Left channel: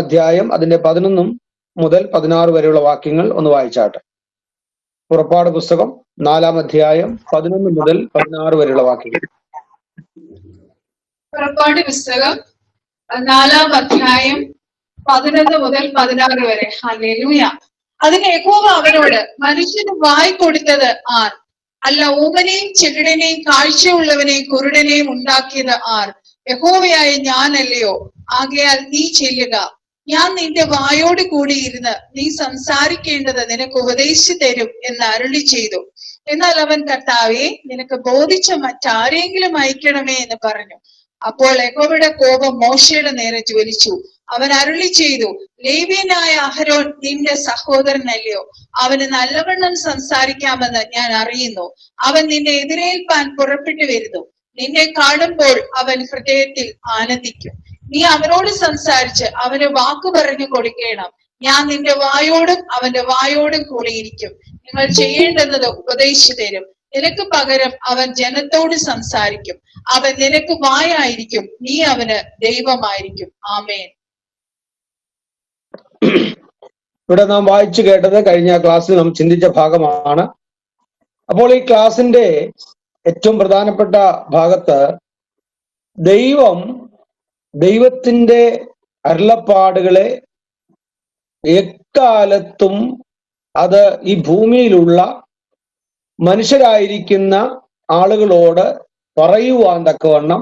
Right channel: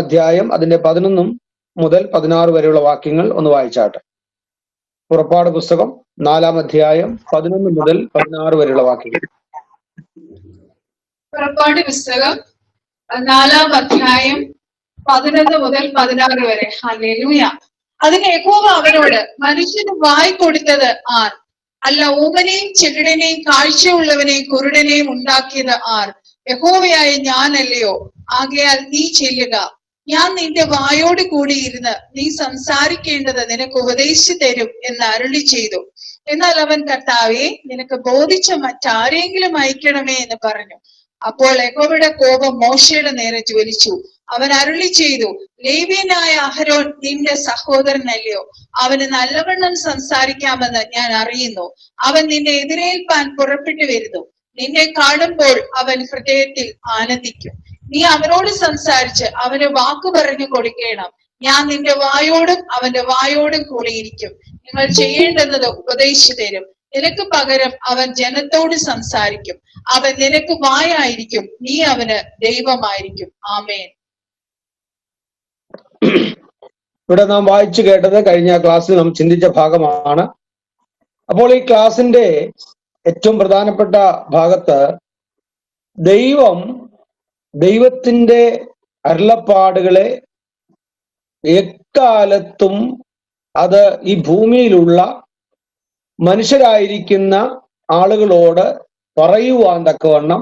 അധ്യായം അതിന്റെ 11 മുതൽ 16 വരെയുള്ള വാക്യങ്ങൾ ഒന്ന് വായിച്ചാട്ടെ. പുറപ്പാട് പുസ്തകം 4-ാം അധ്യായം 11 മുതൽ 16 വരെയുള്ള വാക്യങ്ങൾ. പുറപ്പാട് പുസ്തകം 4-ാം അധ്യായം 11 മുതൽ 16 വരെ. ഹല്ലേലൂയ. അതിന് യഹോവ അവനോട്, മനുഷ്യന് വായ് കൊടുത്തത് ആർ? അല്ല, ഊമനെയും ചെകിടനെയും കാഴ്ചയുള്ളവനെയും കുരുടനെയും ഉണ്ടാക്കിയത് ആർ? യഹോവയായ ഞാനല്ലയോ? ആകയാൽ നീ ചെല്ലുക, ഞാൻ നിന്റെ വായോട് കൂടിയിരുന്ന് നീ സംസാരിക്കേണ്ടത് നിനക്ക് ഉപദേശിച്ചു തരും എന്ന് അരുളി ചെയ്തു. എന്നാൽ അവൻ, കർത്താവേ, നിനക്ക് ബോധിച്ച മറ്റാരെങ്കിലും അയക്കണമേ എന്ന് പറഞ്ഞു. അപ്പോൾ യഹോവയുടെ കോപം മോശയുടെ നേരെ ജ്വലിച്ചു. അവൻ അരുളി ചെയ്തു, ലേവ്യനായ അഹരോൻ നിന്റെ സഹോദരനല്ലയോ? അവന് നല്ലവണ്ണം സംസാരിക്കാമെന്ന് ഞാൻ അറിയുന്നു. അവൻ നിന്നെ എതിരേൽപ്പാൻ പുറപ്പെട്ടു വരുന്നു. നിന്നെ കാണുമ്പോൾ അവൻ ഹൃദയത്തിൽ ആനന്ദിക്കും. നീ അവനോട് സംസാരിച്ച് അവന് വാക്കു പറഞ്ഞു കൊടുക്കണം. ഞാൻ നിന്റെ വായോടും അവന്റെ വായോടും കൂടിയിരിക്കും. നിങ്ങൾ ചെയ്യേണ്ടുന്നത് ഉപദേശിച്ചു തരും. നിനക്ക് പകരം അവൻ ജനത്തോട് സംസാരിക്കും. അവൻ നിനക്ക് വായായിരിക്കും, നീ അവന് ദൈവമായിരിക്കും. ആമേൻ. ഇവിടെ നാം വായിച്ചു കേട്ടത് കഴിഞ്ഞ ക്ലാസ്സിൽ നാം ചിന്തിച്ച ഭാഗമാണ്. അപ്പോൾ ഈ ക്ലാസിന്റെ ഏറ്റവും പ്രധാനപ്പെട്ട ഭാഗത്ത് ദൈവത്തിന്റെ അരുളപ്പാടുകളെ എക്കാലത്തും അത് ഈ ഭൂമിയിലുള്ള മനുഷ്യരായിരിക്കുന്ന ആളുകളോട് പറയുവാൻ തക്കവണ്ണം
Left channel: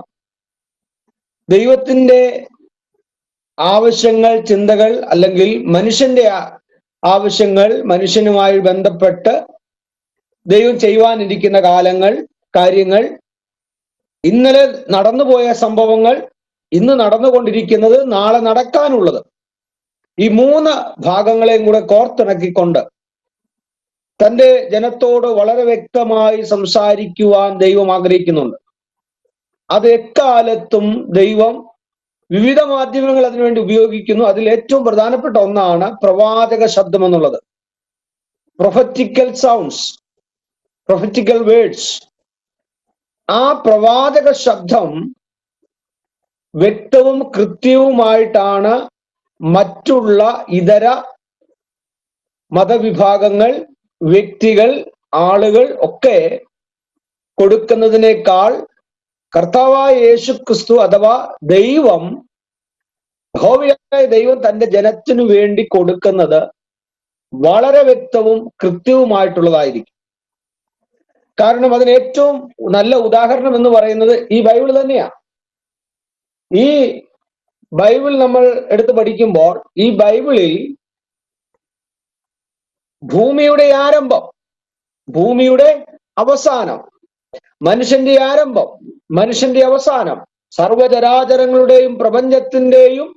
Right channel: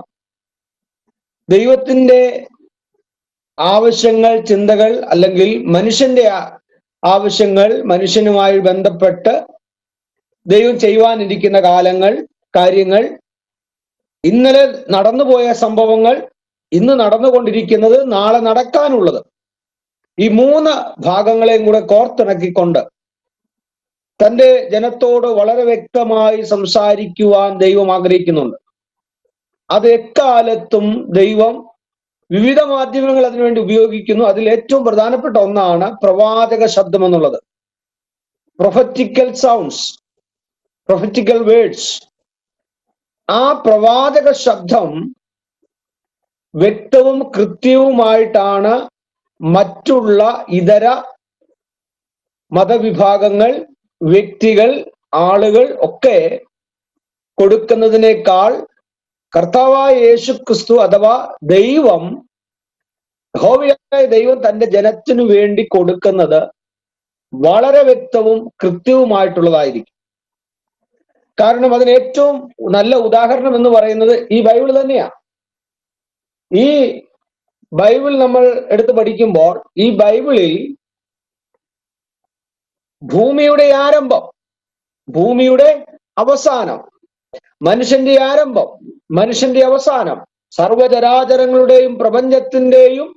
ദൈവത്തിന്റെ ആവശ്യങ്ങൾ, ചിന്തകൾ, അല്ലെങ്കിൽ മനുഷ്യന്റെ ആവശ്യങ്ങൾ, മനുഷ്യനുമായി ബന്ധപ്പെട്ട് ദൈവം ചെയ്യുവാനിരിക്കുന്ന കാര്യങ്ങൾ, ഇന്നലെ നടന്നുപോയ സംഭവങ്ങൾ, ഇന്ന് നടന്നുകൊണ്ടിരിക്കുന്നത്, നാളെ നടക്കാനുള്ളത്, ഈ 3 ഭാഗങ്ങളെയും കൂടെ കോർത്തിണക്കിക്കൊണ്ട് തന്റെ ജനത്തോട് വളരെ വ്യക്തമായി സംസാരിക്കുവാൻ ദൈവം ആഗ്രഹിക്കുന്നുണ്ട്. അത് എക്കാലത്തും ദൈവം വിവിധ മാധ്യമങ്ങൾ അതിനുവേണ്ടി ഉപയോഗിക്കുന്നു. അതിൽ ഏറ്റവും പ്രധാനപ്പെട്ട ഒന്നാണ് പ്രവാചക ശബ്ദം എന്നുള്ളത്. Prophetical sounds, prophetical words. ആ പ്രവാചക ശബ്ദം വ്യക്തവും കൃത്യവുമായിട്ടാണ് മറ്റുള്ള ഇതര മതവിഭാഗങ്ങൾ, വ്യക്തികൾ, ആളുകൾ ഒക്കെ കൊടുക്കുന്നതിനേക്കാൾ കർത്താവായ യേശു ക്രിസ്തു അഥവാ യഹോവയായ ദൈവം തന്റെ ജനത്തിനു വേണ്ടി കൊടുക്കുന്നത് വളരെ വ്യക്തവും കൃത്യവുമായിട്ടുള്ളതായിരിക്കും. കാരണം അതിന് ഏറ്റവും നല്ല ഉദാഹരണം എന്ന് പറയുന്നത് ഈ ബൈബിൾ തന്നെയാണ്. ഈ ബൈബിൾ നമ്മൾ എടുത്ത് പഠിക്കുമ്പോൾ ഈ ബൈബിളിൽ ഭൂമിയുടെ ആരംഭം, ഭൂമിയുടെ അവസാനം, മനുഷ്യന്റെ ആരംഭം, മനുഷ്യന്റെ അവസാനം, സർവചരാചരങ്ങളുടെയും പ്രപഞ്ചത്തിന്റെയും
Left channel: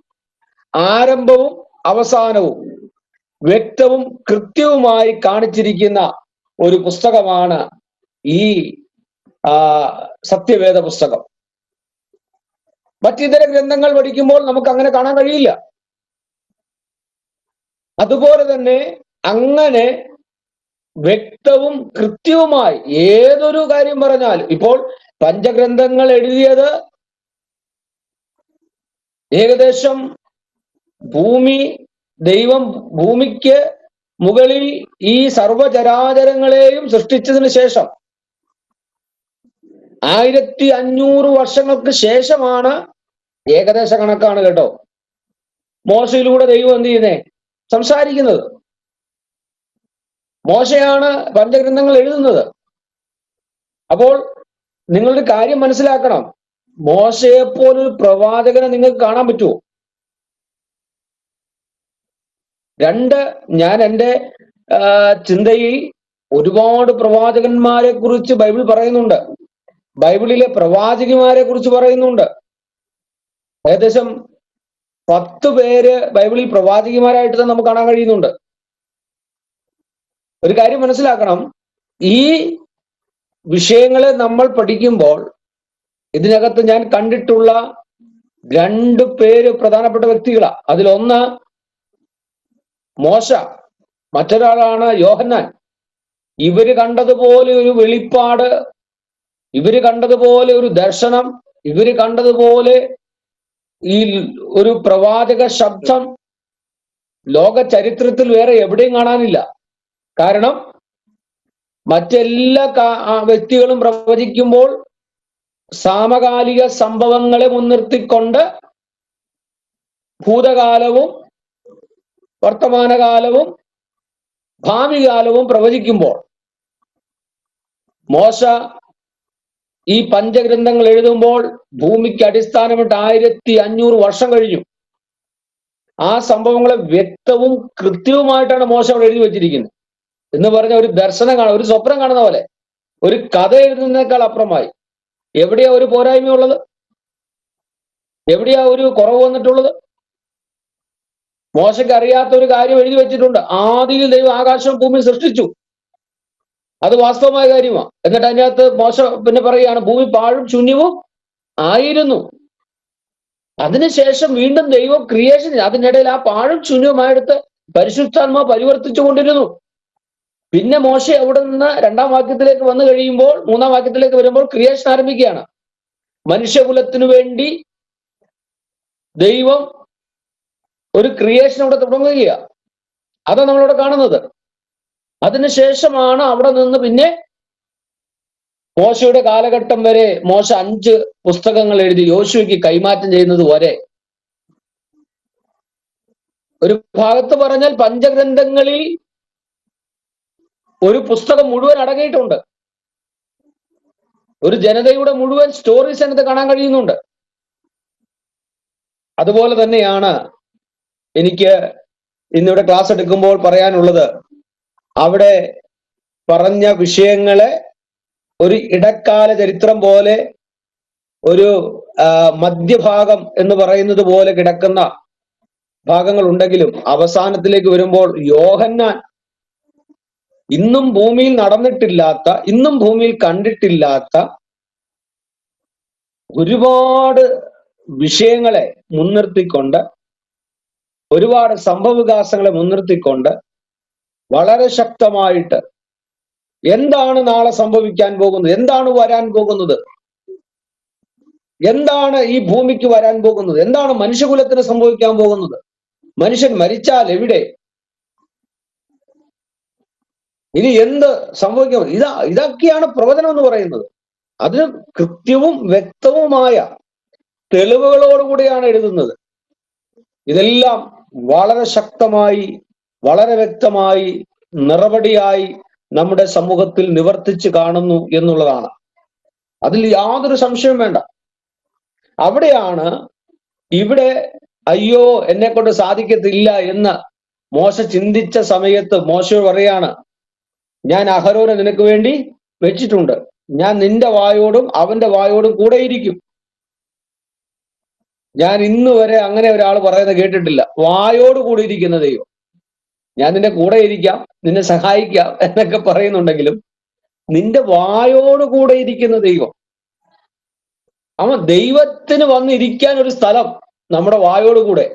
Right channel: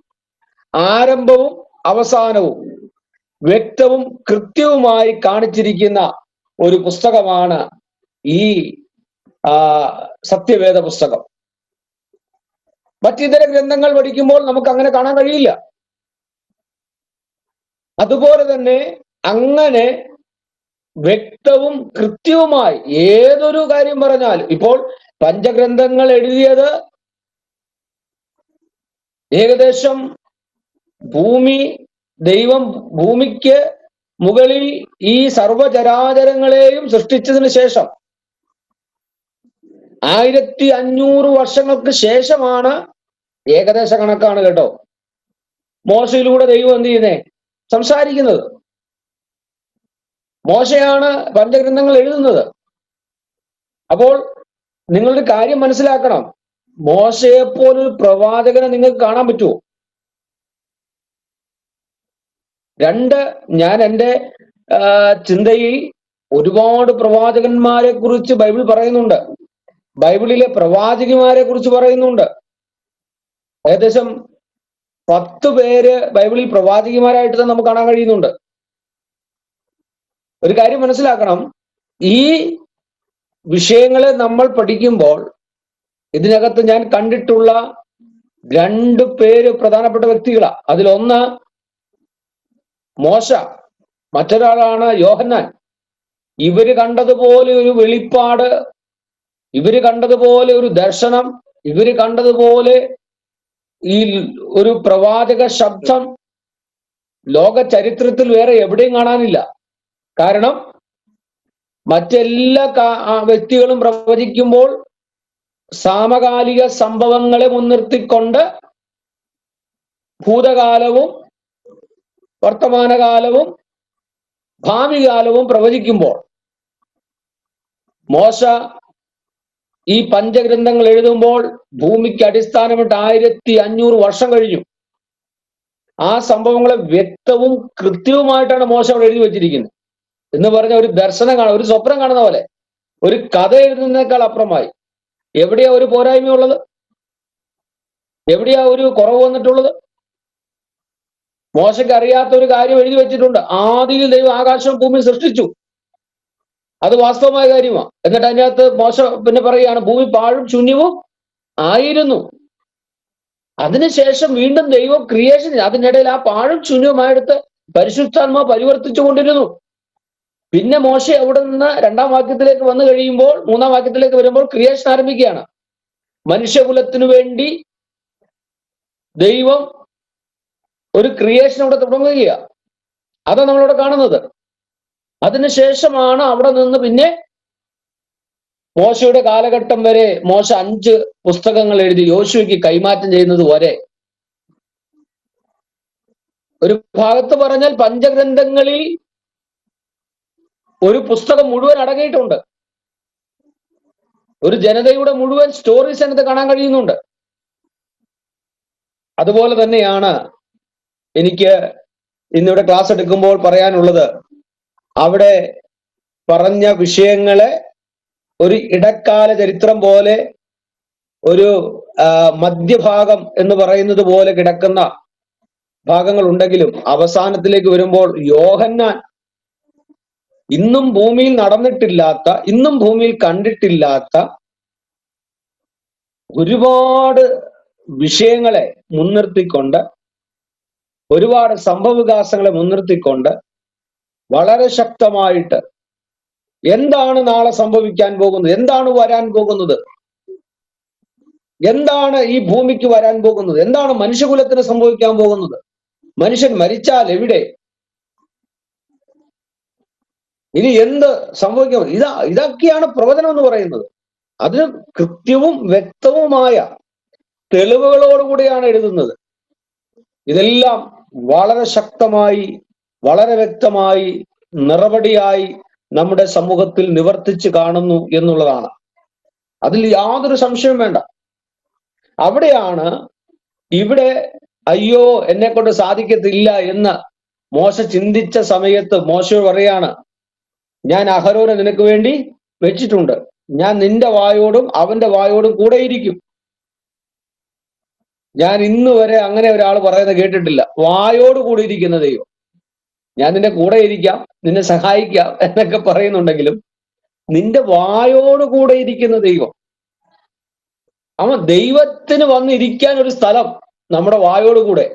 ആരംഭവും അവസാനവും വ്യക്തവും കൃത്യവുമായി കാണിച്ചിരിക്കുന്ന ഒരു പുസ്തകമാണ് ഈ സത്യവേദ പുസ്തകം. മറ്റിതര ഗ്രന്ഥങ്ങൾ പഠിക്കുമ്പോൾ നമുക്ക് അങ്ങനെ കാണാൻ കഴിയില്ല. അതുപോലെ തന്നെ അങ്ങനെ വ്യക്തവും കൃത്യവുമായി ഏതൊരു കാര്യം പറഞ്ഞാലും, ഇപ്പോൾ പഞ്ചഗ്രന്ഥങ്ങൾ എഴുതിയത് ഏകദേശം ദൈവം ഭൂമിക്ക് മുകളിൽ ഈ സർവചരാചരങ്ങളെയും സൃഷ്ടിച്ചതിന് ശേഷം 1500 വർഷങ്ങൾക്ക് ശേഷമാണ്, ഏകദേശ കണക്കാണ് കേട്ടോ, മോശയിലൂടെ ദൈവം എന്ത് ചെയ്യുന്നേ? സംസാരിക്കുന്നത്. മോശയാണ് പഞ്ചഗ്രന്ഥങ്ങൾ എഴുതുന്നത്. അപ്പോൾ നിങ്ങളൊരു കാര്യം മനസ്സിലാക്കണം, മോശയെപ്പോലൊരു പ്രവാചകനെ നിങ്ങൾക്ക് കാണാൻ പറ്റുമോ? ഞാൻ എൻ്റെ ചിന്തയിൽ ഒരുപാട് പ്രവാചകന്മാരെ കുറിച്ച് ബൈബിൾ പറയുന്നുണ്ട്. ബൈബിളിലെ പ്രവാചകിമാരെ കുറിച്ച് പറയുന്നുണ്ട്. ഏകദേശം 10 പേര് ബൈബിളിൽ പ്രവാചകിമാരായിട്ട് തന്നെ നമുക്ക് കാണാൻ കഴിയുന്നുണ്ട്. ഒരു കാര്യം മനസ്സിലാക്കണം, ഈ വിഷയങ്ങളെ നമ്മൾ പഠിക്കുമ്പോൾ ഇതിനകത്ത് ഞാൻ കണ്ടിട്ടുള്ള 2 പേര് പ്രധാനപ്പെട്ട വ്യക്തികളാണ്. അതിലൊന്ന് മോശ, മറ്റൊരാളാണ് യോഹന്നാൻ. ഇവര് കണ്ടതുപോലെ ഒരു വെളിപ്പാട്, ഇവര് കണ്ടതുപോലെ ഒരു ദർശനം, ഇവര് കണ്ടതുപോലെ ഈ ഒരു പ്രവാചക ശബ്ദം ലോക ചരിത്രത്തിൽ വേറെ എവിടെയും കാണാനില്ല. കാരണം മറ്റെല്ലാ വ്യക്തികളും പ്രവചിക്കുമ്പോൾ സമകാലിക സംഭവങ്ങളെ മുൻനിർത്തിക്കൊണ്ട് ഭൂതകാലവും വർത്തമാനകാലവും ഭാവി കാലവും പ്രവചിക്കുമ്പോൾ മോശ ഈ പഞ്ചഗ്രന്ഥങ്ങൾ എഴുതുമ്പോൾ ഭൂമിക്ക് അടിസ്ഥാനമിട്ട് 1500 വർഷം കഴിഞ്ഞു. ആ സംഭവങ്ങളെ വ്യക്തവും കൃത്യവുമായിട്ടാണ് മോശ അവിടെ എഴുതി വെച്ചിരിക്കുന്നത്. എന്ന് പറഞ്ഞ ഒരു ദർശനം കാണാം, ഒരു സ്വപ്നം കാണുന്ന പോലെ, ഒരു കഥ എഴുതുന്നതിനേക്കാൾ അപ്പുറമായി. എവിടെയാ ഒരു പോരായ്മയുള്ളത്? എവിടെയാ ഒരു കുറവ് വന്നിട്ടുള്ളത്? മോശയ്ക്ക് അറിയാത്ത ഒരു കാര്യം എഴുതി വെച്ചിട്ടുണ്ട്. ആദിയിൽ ദൈവം ആകാശവും ഭൂമി സൃഷ്ടിച്ചു. അത് വാസ്തവമായ കാര്യമാണ്. എന്നിട്ട് അതിനകത്ത് മോശ പിന്നെ പറയുകയാണ് ഭൂമി പാഴും ശൂന്യവും ആയിരുന്നു. അതിനുശേഷം വീണ്ടും ദൈവം ക്രിയേഷൻ, അതിനിടയിൽ ആ പാഴും ശൂന്യവുമായെടുത്ത് പരിശുദ്ധാത്മാവ് പരിവർത്തിച്ചു കൊണ്ടിരുന്നു. പിന്നെ മോശ അവിടെ നിന്ന് 2-ാം വാക്യത്തിലേക്ക് വന്നു കഴിയുമ്പോൾ 3-ാം വാക്യത്തിലേക്ക് വരുമ്പോൾ ക്രിയേഷൻ ആരംഭിക്കുകയാണ്. മനുഷ്യകുലത്തിനു വേണ്ടി ദൈവം ഒരു ക്രിയേഷൻ അവിടെ തുടങ്ങുകയാണ്. അതാണ് നമ്മളിവിടെ കാണുന്നത്. അതിനുശേഷമാണ് അവിടെ നിന്ന് പിന്നെ മോശയുടെ കാലഘട്ടം വരെ മോശ 5 പുസ്തകങ്ങൾ എഴുതി യോശുവയ്ക്ക് കൈമാറ്റം ചെയ്യുന്നത് വരെ. ഒരു ഭാഗത്ത് പറഞ്ഞാൽ പഞ്ചഗ്രന്ഥങ്ങളിൽ ഒരു പുസ്തകം മുഴുവൻ അടങ്ങിയിട്ടുണ്ട്. ഒരു ജനതയുടെ മുഴുവൻ സ്റ്റോറീസ് അതിനകത്ത് കാണാൻ കഴിയുന്നുണ്ട്. അതുപോലെ തന്നെയാണ് എനിക്ക് ഇന്നിവിടെ ക്ലാസ് എടുക്കുമ്പോൾ പറയാനുള്ളത്. അവിടെ പറഞ്ഞ വിഷയങ്ങളെ ഒരു ഇടക്കാല ചരിത്രം പോലെ, ഒരു മധ്യഭാഗം എന്ന് പറയുന്നത് പോലെ കിടക്കുന്ന ഭാഗങ്ങൾ ഉണ്ടെങ്കിലും അവസാനത്തിലേക്ക് വരുമ്പോൾ യോഹന്നാൻ ഇന്നും ഭൂമിയിൽ നടന്നിട്ടില്ലാത്ത, ഇന്നും ഭൂമിയിൽ കണ്ടിട്ടില്ലാത്ത ഒരുപാട് വിഷയങ്ങളെ മുൻനിർത്തിക്കൊണ്ട്, ഒരുപാട് സംഭവവികാസങ്ങളെ മുൻനിർത്തിക്കൊണ്ട് വളരെ ശക്തമായിട്ട് എന്താണ് നാളെ സംഭവിക്കാൻ പോകുന്നത്, എന്താണ് വരാൻ പോകുന്നത്, എന്താണ് ഈ ഭൂമിക്ക് വരാൻ പോകുന്നത്, എന്താണ് മനുഷ്യകുലത്തിന് സംഭവിക്കാൻ പോകുന്നത്, മനുഷ്യൻ മരിച്ചാൽ എവിടെ, ഇനി എന്ത് സംഭവിക്കും, ഇതൊക്കെയാണ് പ്രവചനം എന്ന് പറയുന്നത്. അതിന് കൃത്യവും വ്യക്തവുമായ തെളിവുകളോടുകൂടിയാണ് എഴുതുന്നത്. ഇതെല്ലാം വളരെ ശക്തമായി, വളരെ വ്യക്തമായി, നിറപടിയായി നമ്മുടെ സമൂഹത്തിൽ നിവർത്തിച്ച് കാണുന്നു എന്നുള്ളതാണ്. അതിൽ യാതൊരു സംശയവും വേണ്ട. അവിടെയാണ് ഇവിടെ അയ്യോ എന്നെ കൊണ്ട് സാധിക്കത്തില്ല എന്ന് മോശ ചിന്തിച്ച സമയത്ത് മോശയോട് പറയാണ്, ഞാൻ അഹരോനെ നിനക്ക് വേണ്ടി വെച്ചിട്ടുണ്ട്, ഞാൻ നിന്റെ വായോടും അവന്റെ വായോടും കൂടെ ഇരിക്കും. ഞാൻ ഇന്ന് വരെ അങ്ങനെ ഒരാൾ പറയുന്നത് കേട്ടിട്ടില്ല, വായോട് കൂടി ഇരിക്കുന്ന ദൈവം. ഞാൻ നിന്റെ കൂടെ ഇരിക്കാം, നിന്നെ സഹായിക്കാം എന്നൊക്കെ പറയുന്നുണ്ടെങ്കിലും നിന്റെ വായോട് കൂടെ ഇരിക്കുന്ന ദൈവം. അവൻ ദൈവത്തിന് വന്നിരിക്കാൻ ഒരു സ്ഥലം നമ്മുടെ വായോട് കൂടെ.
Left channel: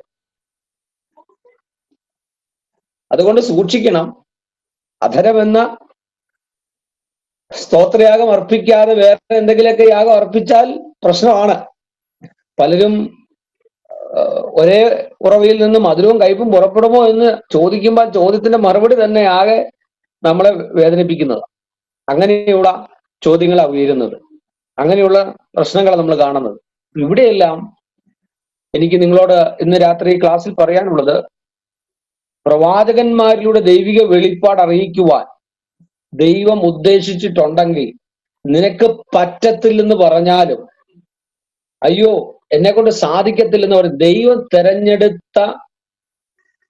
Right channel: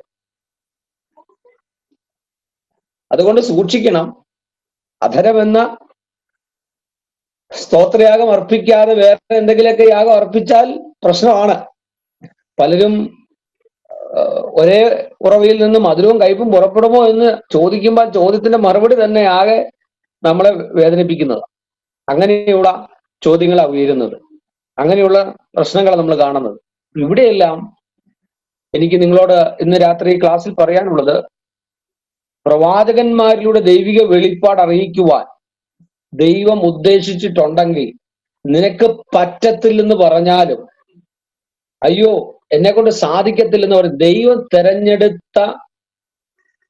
അതുകൊണ്ട് സൂക്ഷിക്കണം. അധരമെന്ന സ്തോത്രയാഗം അർപ്പിക്കാതെ വേറെ എന്തെങ്കിലുമൊക്കെ യാഗം അർപ്പിച്ചാൽ പ്രശ്നമാണ്. പലരും ഒരേ ഉറവയിൽ നിന്ന് മധുരവും കയ്പും പുറപ്പെടുമോ എന്ന് ചോദിക്കുമ്പോൾ ചോദ്യത്തിന്റെ മറുപടി തന്നെ ആകെ നമ്മളെ വേദനിപ്പിക്കുന്നത്. അങ്ങനെയുള്ള ചോദ്യങ്ങളാണ് ഉയരുന്നത്, അങ്ങനെയുള്ള പ്രശ്നങ്ങൾ നമ്മൾ കാണുന്നത്. ഇവിടെയെല്ലാം എനിക്ക് നിങ്ങളോട് ഇന്ന് രാത്രി ക്ലാസ്സിൽ പറയാനുള്ളത്, പ്രവാചകന്മാരിലൂടെ ദൈവിക വെളിപ്പാട് അറിയിക്കുവാൻ ദൈവം ഉദ്ദേശിച്ചിട്ടുണ്ടെങ്കിൽ നിനക്ക് പറ്റത്തില്ലെന്ന് പറഞ്ഞാലും, അയ്യോ എന്നെ കൊണ്ട് സാധിക്കത്തില്ലെന്ന് പറയും, ദൈവം തെരഞ്ഞെടുത്ത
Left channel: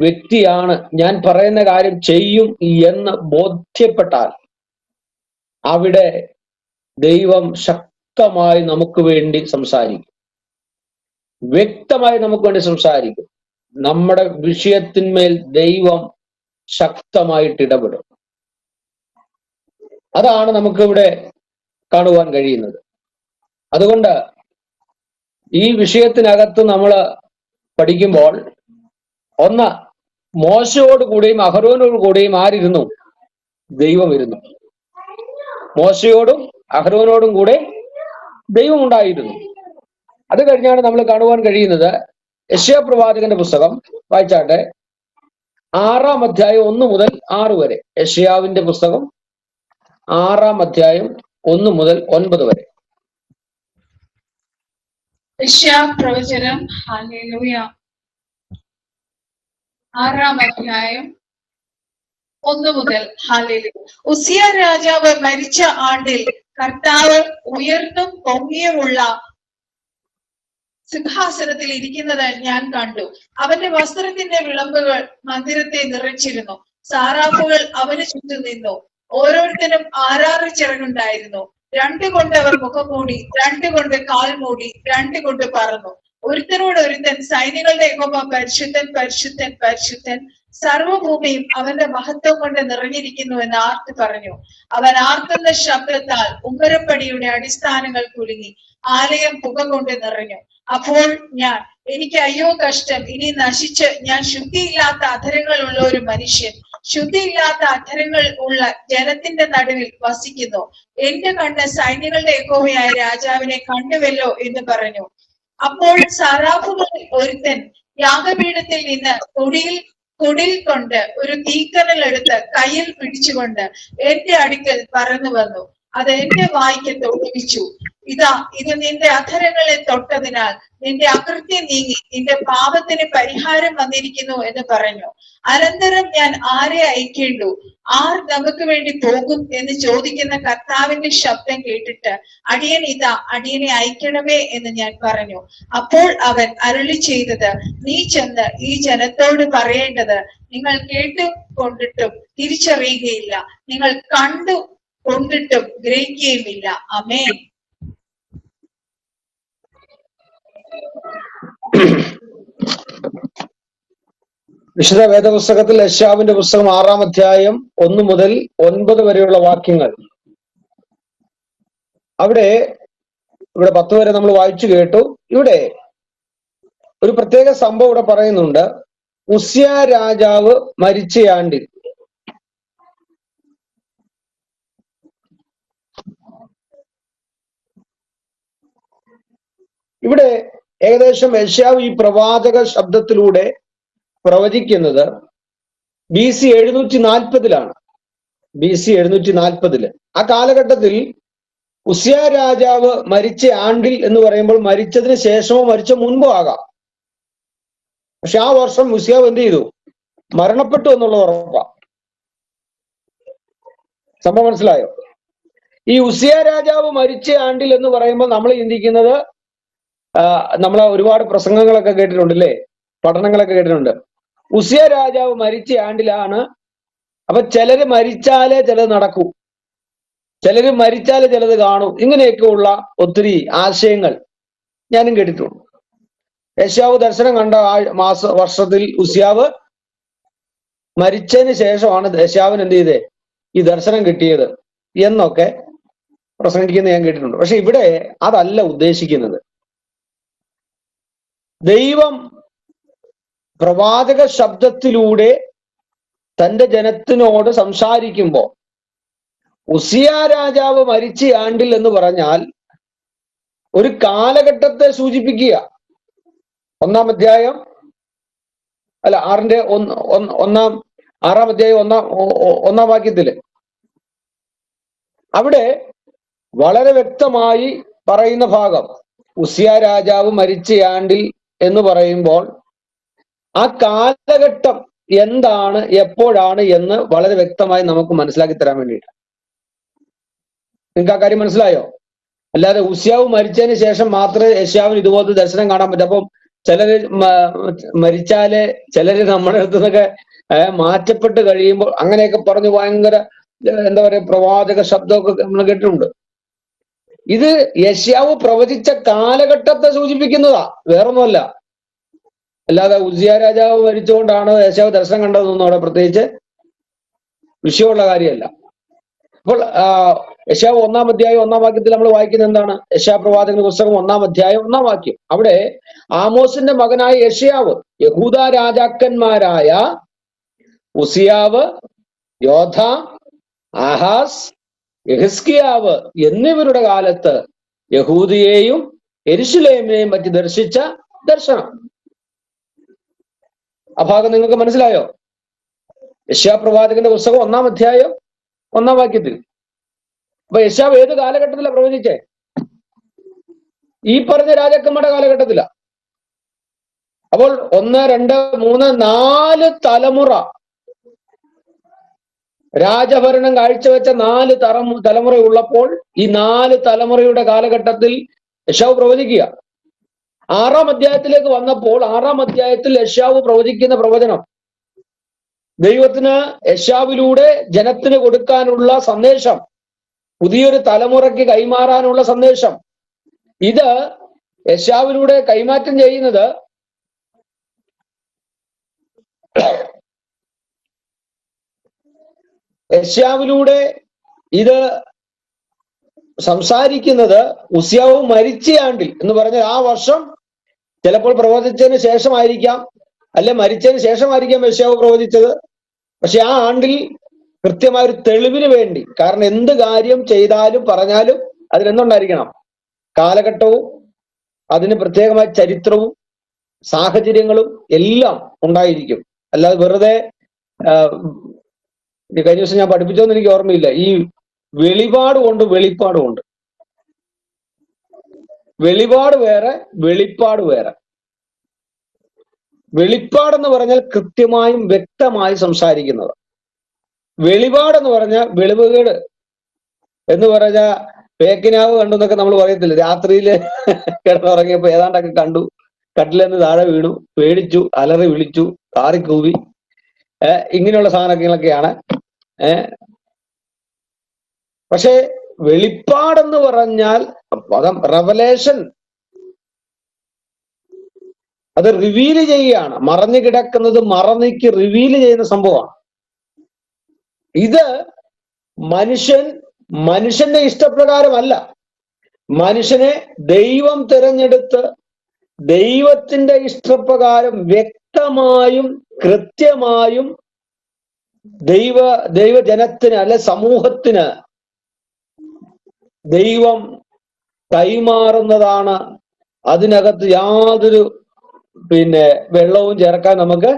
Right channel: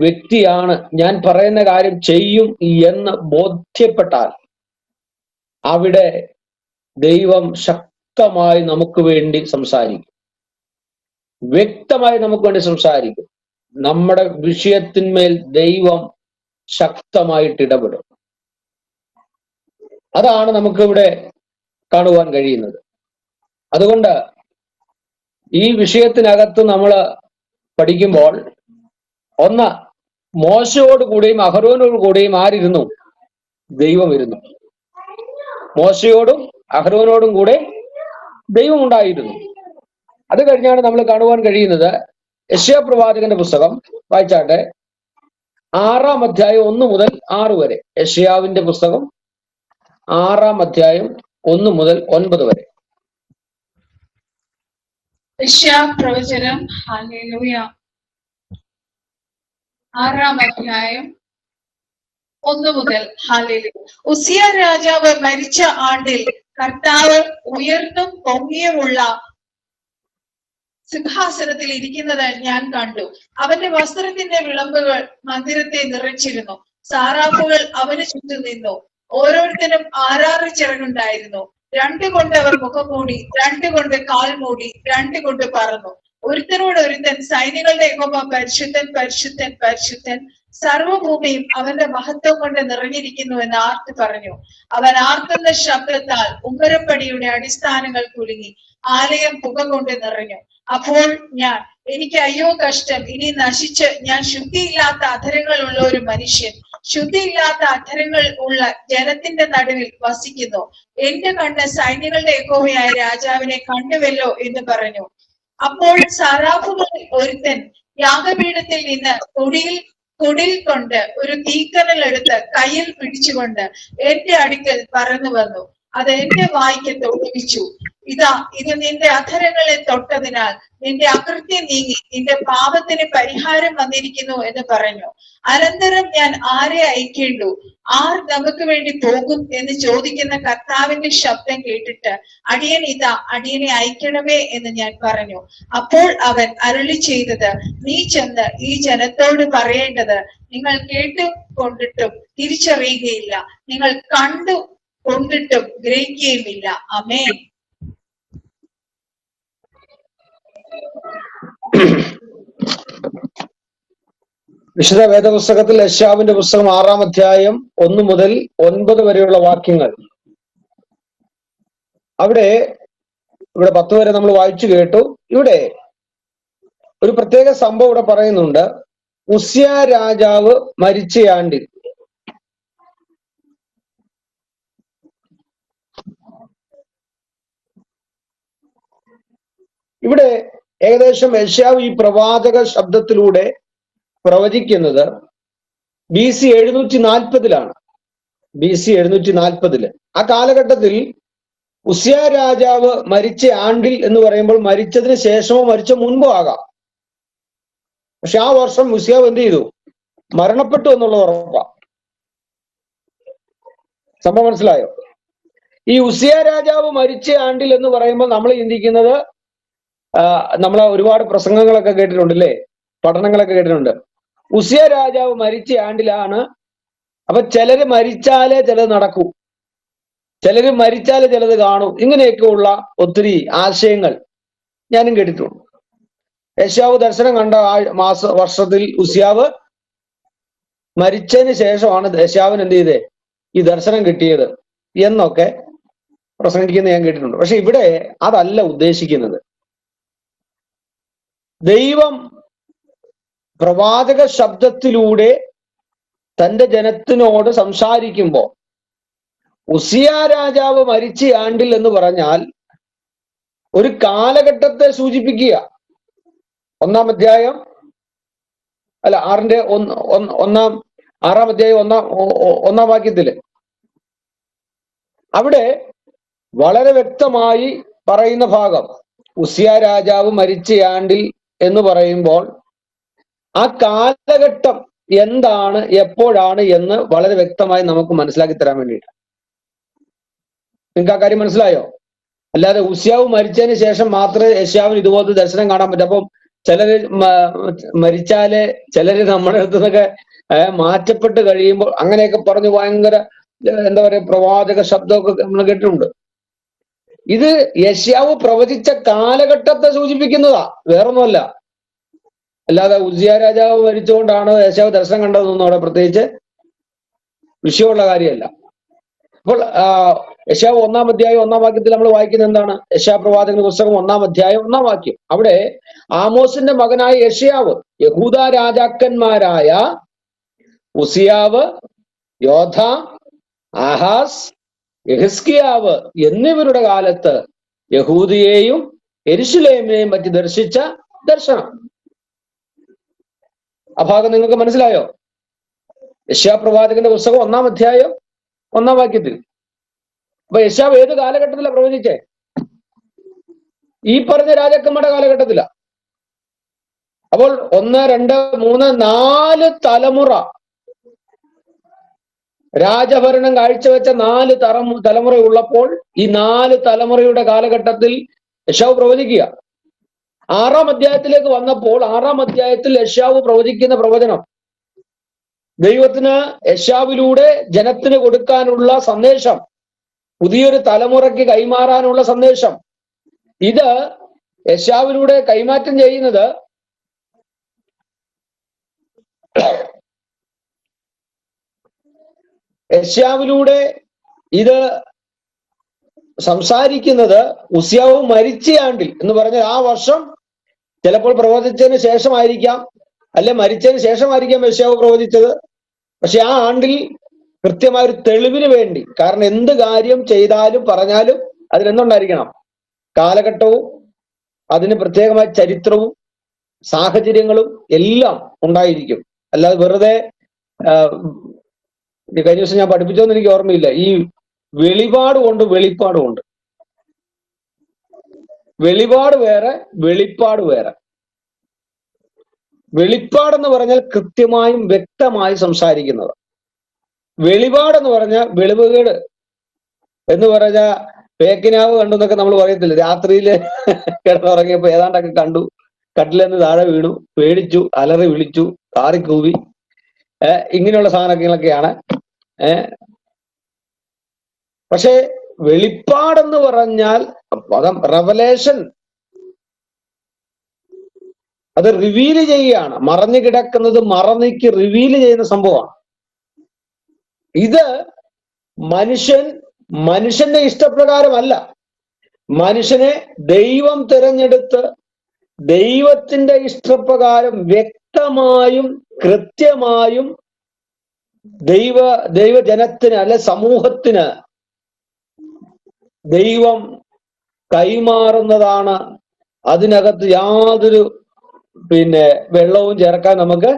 വ്യക്തിയാണ്, ഞാൻ പറയുന്ന കാര്യം ചെയ്യും എന്ന് ബോധ്യപ്പെട്ടാൽ അവിടെ ദൈവം ശക്തമായി നമുക്ക് വേണ്ടി സംസാരിക്കും, വ്യക്തമായി നമുക്ക് വേണ്ടി സംസാരിക്കും. നമ്മുടെ വിഷയത്തിന്മേൽ ദൈവം ശക്തമായിട്ട് ഇടപെടും. അതാണ് നമുക്കിവിടെ കാണുവാൻ കഴിയുന്നത്. അതുകൊണ്ട് ഈ വിഷയത്തിനകത്ത് നമ്മൾ പഠിക്കുമ്പോൾ, ഒന്ന്, മോശയോട് കൂടെയും അഹരോനോട് കൂടെയും ആരിരുന്നു? ദൈവം ഇരുന്നു. മോശയോടും അഹരോനോടും കൂടെ ദൈവം ഉണ്ടായിരുന്നു. അത് കഴിഞ്ഞാണ് നമ്മൾ കാണുവാൻ കഴിയുന്നത് യെശയ്യാ പ്രവാചകന്റെ പുസ്തകം വായിച്ചാട്ടെ. 6-ാം അധ്യായം 1 മുതൽ 6 വരെ. യെശയ്യാവിന്റെ പുസ്തകം 6-ാം അധ്യായം 1 മുതൽ 9 വരെ. പ്രവചനം ഹല്ലേലൂയ 6-ാം അധ്യായം 1 മുതൽ. ഹല്ലേലൂയ. ഉസിയ രാജാവ് മരിച്ച ആണ്ടിൽ കർത്താവ് ഉയർന്നും പൊങ്ങിയുമുള്ള സിംഹാസനത്തിൽ ഇരിക്കുന്നത് ഞാൻ കണ്ടു. അവന്റെ വസ്ത്രത്തിന്റെ വിളമ്പുകൾ മന്ദിരത്തെ നിറച്ചിരുന്നു. സാറാഫുകൾ അവന് ചുറ്റും നിന്നു. ഓരോരുത്തരും 6 ചിറകുണ്ടായിരുന്നു. 2 കൊണ്ട് അവർ മുഖം മൂടി, 2 കൊണ്ട് കാൽ മൂടി, 2 കൊണ്ട് പറന്നു. ഒരുത്തനോട് ഒരുത്തൻ, സൈന്യങ്ങളുടെ യഹോവ പരിശുദ്ധൻ പരിശുദ്ധൻ പരിശുദ്ധൻ, സർവ്വഭൂമിയും അവന്റെ മഹത്വം കൊണ്ട് നിറഞ്ഞിരിക്കുന്നു എന്ന് ആർത്ത് പറഞ്ഞു. അവൻ ആർക്കുന്ന ശബ്ദത്താൽ ഉമ്മരപ്പടിയുടെ അടിസ്ഥാനങ്ങൾ കുലുങ്ങി, ആലയം പുക കൊണ്ട് നിറഞ്ഞു. അപ്പോൾ ഞാൻ, എനിക്ക് അയ്യോ കഷ്ടം, ഇനി നശിച്ച് ഞാൻ ശുദ്ധിയില്ലാത്ത അധരങ്ങൾ ഉള്ള ഒരു മനുഷ്യൻ, ശുദ്ധിയില്ലാത്ത അധരങ്ങൾ ഉള്ള ജനത്തിന്റെ നടുവിൽ വസിക്കുന്നു. എന്റെ കണ്ണ് സൈന്യങ്ങളുടെ യഹോവയായ രാജാവിനെ കണ്ടുവല്ലോ എന്ന് പറഞ്ഞു. അപ്പോൾ സറാഫുകളിൽ ഒരുത്തൻ യാഗപീഠത്തിൽ നിന്ന് കുടിൽ കൊണ്ട് ഒരു തീക്കനൽ എടുത്ത് കയ്യിൽ പിടിച്ചുകൊണ്ട് എന്റെ അടുക്കൽ പറന്നു വന്നു. അത് എന്റെ വായ്ക്ക് തൊടുവിച്ചു. ഇതാ, ഇത് നിന്റെ അധരങ്ങളെ തൊട്ടതിനാൽ നിന്റെ അകൃത്യം നീങ്ങി നിന്റെ പാപത്തിന് പരിഹാരം വന്നിരിക്കുന്നു എന്ന് പറഞ്ഞു. അനന്തരം ഞാൻ ആരെ അയക്കേണ്ടു, ആർ നമുക്ക് വേണ്ടി പോകും എന്ന് ചോദിക്കുന്ന കർത്താവിന്റെ ശബ്ദം കേട്ടിട്ട്, അടിയൻ ഇതാ, അടിയനെ അയക്കണമേ എന്ന് ഞാൻ പറഞ്ഞു. അപ്പോൾ അവൻ അരുളി ചെയ്തത്, നീ ചെന്ന് ഈ ജനത്തോട് പറയേണ്ടത്, നിങ്ങൾ കേട്ടു കൊണ്ടിട്ടും തിരിച്ചറിയുകയില്ല, നിങ്ങൾ കണ്ടു കൊണ്ടിട്ടും ഗ്രഹിക്കുകയുമില്ല. ആമേൻ. വിശുദ്ധ വേദപുസ്തകത്തിൽ യെശയ്യാവിന്റെ പുസ്തകം 6-ാം അധ്യായം 1 മുതൽ 9 വരെയുള്ള വാക്യങ്ങൾ. ഇവിടെ 10 വരെ നമ്മൾ വായിച്ചു കേട്ടു. ഇവിടെ ഒരു പ്രത്യേക സംഭവം ഇവിടെ പറയുന്നുണ്ട്. ഉസ്യ രാജാവ് മരിച്ചയാണ്ടിൽ. ഇവിടെ ഏകദേശം യെശയ്യാവ് ഈ പ്രവാചക ശബ്ദത്തിലൂടെ പ്രവചിക്കുന്നത് BC 740-ലാണ്. BC 740. ആ കാലഘട്ടത്തിൽ ഉസ്യ രാജാവ് മരിച്ച ആണ്ടിൽ എന്ന് പറയുമ്പോൾ മരിച്ചതിന് ശേഷമോ മരിച്ച മുൻപോ ആകാം. പക്ഷെ ആ വർഷം ഉസ്യാവ് എന്ത് ചെയ്തു? മരണപ്പെട്ടു എന്നുള്ളത് ഉറപ്പാണ്. സംഭവം മനസ്സിലായോ? ഈ ഉസ്യ രാജാവ് മരിച്ച ആണ്ടിൽ എന്ന് പറയുമ്പോൾ നമ്മൾ ചിന്തിക്കുന്നത്, നമ്മൾ ഒരുപാട് പ്രസംഗങ്ങളൊക്കെ കേട്ടിട്ടുണ്ട്, അല്ലേ? പഠനങ്ങളൊക്കെ കേട്ടിട്ടുണ്ട്. ഉസ്യ രാജാവ് മരിച്ച ആണ്ടിലാണ്. അപ്പൊ ചിലര് മരിച്ചാലേ ചിലത് നടക്കൂ, ചിലര് മരിച്ചാലേ ചിലത് കാണൂ. ഇങ്ങനെയൊക്കെയുള്ള ഒത്തിരി ആശയങ്ങൾ ഞാനും കേട്ടിട്ടുണ്ട്. യെശയ്യാവ് ദർശനം കണ്ട വർഷത്തിൽ ഉസ്യാവ് മരിച്ചതിന് ശേഷമാണ് യെശയ്യാവിന് എന്ത് ചെയ്തേ ഈ ദർശനം കിട്ടിയത് എന്നൊക്കെ പ്രസംഗിക്കുന്നത് ഞാൻ കേട്ടിട്ടുണ്ട്. പക്ഷെ ഇവിടെ അതല്ല ഉദ്ദേശിക്കുന്നത്. ദൈവം പ്രവാചക ശബ്ദത്തിലൂടെ തന്റെ ജനത്തിനോട് സംസാരിക്കുമ്പോൾ ഉസിയ രാജാവ് മരിച്ച ആണ്ടിൽ എന്ന് പറഞ്ഞാൽ ഒരു കാലഘട്ടത്തെ സൂചിപ്പിക്കുക. 1-ാം അധ്യായം 6-ാം അധ്യായം 1-ാം വാക്യത്തില് അവിടെ വളരെ വ്യക്തമായി പറയുന്ന ഭാഗം ഉസിയ രാജാവ് മരിച്ച ആണ്ടിൽ എന്ന് പറയുമ്പോൾ ആ കാലഘട്ടം എന്താണ്, എപ്പോഴാണ് എന്ന് വളരെ വ്യക്തമായി നമുക്ക് മനസ്സിലാക്കി തരാൻ വേണ്ടിയിട്ട്. നിങ്ങൾക്ക് ആ കാര്യം മനസ്സിലായോ? അല്ലാതെ ഉസ്യാവ് മരിച്ചതിന് ശേഷം മാത്രമേ യെശയ്യാവിന് ഇതുപോലത്തെ ദർശനം കാണാൻ പറ്റും. അപ്പം ചിലര് മരിച്ചാല് ചിലര് നമ്മുടെ അടുത്ത് നിന്നൊക്കെ മാറ്റപ്പെട്ട് കഴിയുമ്പോൾ അങ്ങനെയൊക്കെ പറഞ്ഞു ഭയങ്കര എന്താ പറയാ പ്രവാചക ശബ്ദമൊക്കെ നമ്മൾ കേട്ടിട്ടുണ്ട്. ഇത് യെശയ്യാവ് പ്രവചിച്ച കാലഘട്ടത്തെ സൂചിപ്പിക്കുന്നതാ, വേറൊന്നുമല്ല. അല്ലാതെ ഉസിയ രാജാവ് മരിച്ചുകൊണ്ടാണ് യെശയ്യാവ് ദർശനം കണ്ടതെന്നൊന്നും അവിടെ പ്രത്യേകിച്ച് വിഷയമുള്ള കാര്യമല്ല. അപ്പോൾ യെശയ്യാവ് 1-ാം അധ്യായം 1-ാം വാക്യത്തിൽ നമ്മൾ വായിക്കുന്നത് എന്താണ്? യെശയ്യാ പ്രവാചകന്റെ പുസ്തകം 1-ാം അധ്യായം 1-ാം വാക്യം. അവിടെ ആമോസിന്റെ മകനായ യെശയ്യാവ് യഹൂദ രാജാക്കന്മാരായ ഉസിയാവ്, യോഥാം, ആഹാസ്, യെഹിസ്കിയാവ് എന്നിവരുടെ കാലത്ത് യഹൂദിയെയും യെരൂശലേമിനെയും പറ്റി ദർശിച്ച ദർശനം. ആ ഭാഗം നിങ്ങൾക്ക് മനസ്സിലായോ? യെശയ്യാപ്രവാചകന്റെ പുസ്തകം 1-ാം അധ്യായം 1-ാം വാക്യത്തിൽ. അപ്പൊ യെശയ്യാവ് ഏത് കാലഘട്ടത്തിലാണ് പ്രവചിച്ചേ? ഈ പറഞ്ഞ രാജാക്കന്മാരുടെ കാലഘട്ടത്തിലാ. അപ്പോൾ 1, 2, 3, 4 തലമുറ രാജഭരണം കാഴ്ചവെച്ച 4 തലമുറ ഉള്ളപ്പോൾ ഈ 4 തലമുറയുടെ കാലഘട്ടത്തിൽ യെശയ്യാവ് പ്രവചിക്കുക. 6-ാം അധ്യായത്തിലേക്ക് വന്നപ്പോൾ 6-ാം അധ്യായത്തിൽ യെശയ്യാവ് പ്രവചിക്കുന്ന പ്രവചനം ദൈവത്തിന് യെശയ്യാവിലൂടെ ജനത്തിന് കൊടുക്കാനുള്ള സന്ദേശം, പുതിയൊരു തലമുറയ്ക്ക് കൈമാറാനുള്ള സന്ദേശം. ഇത് യെശയ്യാവിലൂടെ കൈമാറ്റം ചെയ്യുന്നത് യെശയ്യാവിലൂടെ ഇത് സംസാരിക്കുന്നത് ഉസ്യാവ് മരിച്ച ആണ്ടിൽ എന്ന് പറഞ്ഞ ആ വർഷം, ചിലപ്പോൾ പ്രവചിച്ചതിന് ശേഷമായിരിക്കാം, അല്ലെ മരിച്ചതിന് ശേഷമായിരിക്കാം യെശയ്യാവ് പ്രവചിച്ചത്. പക്ഷെ ആ ആണ്ടിൽ കൃത്യമായ ഒരു തെളിവിന് വേണ്ടി, കാരണം എന്ത് കാര്യം ചെയ്താലും പറഞ്ഞാലും അതിനെന്തുണ്ടായിരിക്കണം? കാലഘട്ടവും അതിന് പ്രത്യേകമായ ചരിത്രവും സാഹചര്യങ്ങളും എല്ലാം ഉണ്ടായിരിക്കും. അല്ലാതെ വെറുതെ കഴിഞ്ഞ ദിവസം ഞാൻ പഠിപ്പിച്ചോന്ന് എനിക്ക് ഓർമ്മയില്ല. ഈ വെളിപാടുകൊണ്ട് വെളിപ്പാടുമുണ്ട്. വെളിപാട് വേറെ, വെളിപ്പാട് വേറെ. വെളിപ്പാടെന്ന് പറഞ്ഞാൽ കൃത്യമായും വ്യക്തമായും സംസാരിക്കുന്നത്. വെളിപാടെന്ന് പറഞ്ഞാൽ വെളിവുകേട് എന്ന് പറഞ്ഞ പേക്കിനാവ് കണ്ടു എന്നൊക്കെ നമ്മൾ പറയത്തില്ല. രാത്രിയില് കിടന്നുറങ്ങിയപ്പോ ഏതാണ്ടൊക്കെ കണ്ടു, കട്ടിലെന്ന് താഴെ വീണു, പേടിച്ചു, അലറി വിളിച്ചു, കാറിക്കൂവി, ഇങ്ങനെയുള്ള സാധനങ്ങളൊക്കെയാണ്. പക്ഷെ വെളിപ്പാടെന്ന് പറഞ്ഞാൽ പദം റെവലേഷൻ, അത് റിവീല് ചെയ്യുകയാണ്. മറഞ്ഞു കിടക്കുന്നത് മറന്നിക്ക് റിവീല് ചെയ്യുന്ന സംഭവമാണ്. ഇത് മനുഷ്യന്റെ ഇഷ്ടപ്രകാരമല്ല. മനുഷ്യനെ ദൈവം തിരഞ്ഞെടുത്ത് ദൈവത്തിന്റെ ഇഷ്ടപ്രകാരം വ്യക്തമായും കൃത്യമായും ദൈവജനത്തിന് അല്ലെ സമൂഹത്തിന് ദൈവം കൈമാറുന്നതാണ്. അതിനകത്ത് യാതൊരു വെള്ളവും ചേർക്കാൻ നമുക്ക്,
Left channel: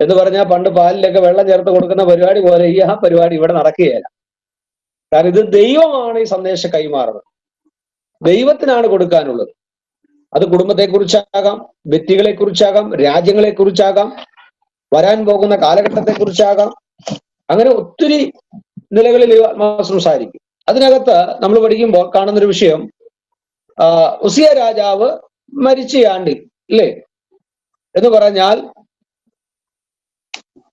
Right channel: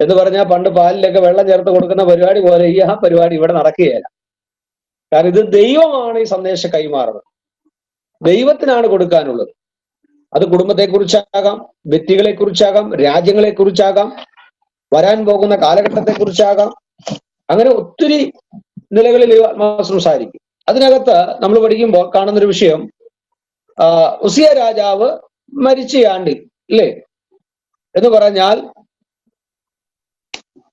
എന്ന് പറഞ്ഞാൽ പണ്ട് പാലിലൊക്കെ വെള്ളം ചേർത്ത് കൊടുക്കുന്ന പരിപാടി പോലെ ഈ ആ പരിപാടി ഇവിടെ നടക്കുകയല്ല. കാരണം ഇത് ദൈവമാണ് ഈ സന്ദേശം കൈമാറുന്നത്, ദൈവത്തിനാണ് കൊടുക്കാനുള്ളത്. അത് കുടുംബത്തെക്കുറിച്ചാകാം, വ്യക്തികളെക്കുറിച്ചാകാം, രാജ്യങ്ങളെക്കുറിച്ചാകാം, വരാൻ പോകുന്ന കാലഘട്ടത്തെക്കുറിച്ചാകാം. അങ്ങനെ ഒത്തിരി നിലകളിൽ സംസാരിക്കും. അതിനകത്ത് നമ്മൾ പഠിക്കുമ്പോൾ കാണുന്നൊരു വിഷയം, ഉസിയ രാജാവ് മരിച്ച ആണ്ടിൽ അല്ലേ എന്ന് പറഞ്ഞാൽ,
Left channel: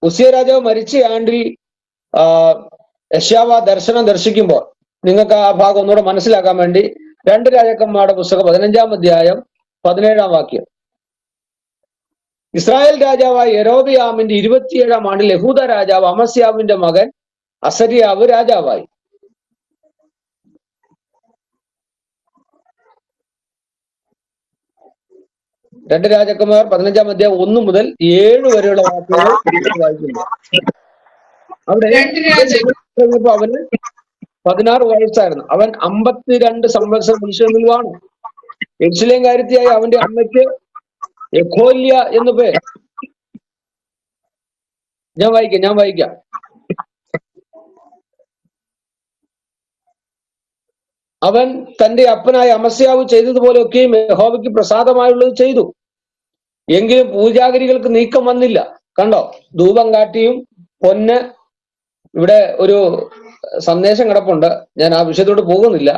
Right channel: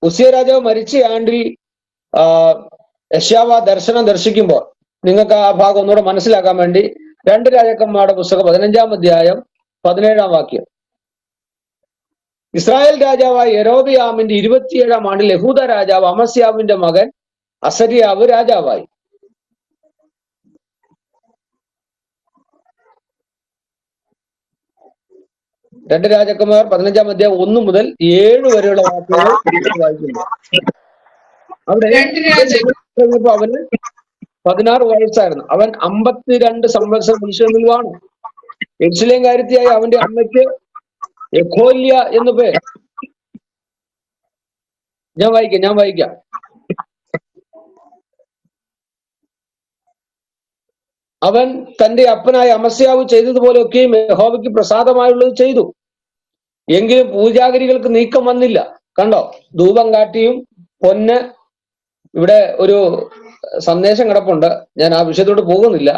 ഉസിയ രാജാവ് മരിച്ച ആണ്ടിൽ യെശയ്യാവ് ദർശനം ദർശിക്കുമ്പോൾ നിങ്ങൾക്ക് ആ ഭാഗം ഒന്നുകൂടെ മനസ്സിലാക്കാൻ വേണ്ടി 2 രാജാക്കന്മാരുടെ പുസ്തകം 15-ാം അധ്യായം 17-ാം വാക്യം. ഇസ്രായേൽ രാജാവായ യൊരോബെയാമിന്റെ 27-ാം ആണ്ടിൽ യഹൂദ രാജാവ് അമസ്യാവിന്റെ മകൻ അസര്യാവ് രാജാവായി. രണ്ട് രാജാക്കന്മാർ 15-ാം അധ്യായം 1 മുതൽ 7 വരെയുള്ള വാക്കുകൾ വായിക്കുമ്പോൾ അവിടെ അവന് 16 വയസ്സായിരുന്നു. അവൻ 52 സംവത്സരം മനുഷ്യനിൽ വാണു. യെരൂശലേം കാര്യത്തിയായി അവന്റെ അമ്മയ്ക്ക് യെഖോല്യ എന്നു പേര്. ഞാൻ വായിക്കാം. അവൻ തന്റെ അപ്പനായ അമസ്യാവ് ചെയ്തതുപോലെയൊക്കെയും യഹോവയ്ക്ക് പ്രസാദമായുള്ളത് ചെയ്തു. എങ്കിലും പൂജാഗിരികൾക്ക് നീക്കം വന്നില്ല. കണ്ടോ, ധൂപം കാട്ടിയും പൊന്ന്. ഇവിടെ ഒരു സന്ദേശം കിടപ്പുണ്ട്, ഞാൻ ആ വിഷയത്തോട് പോകുന്നില്ല.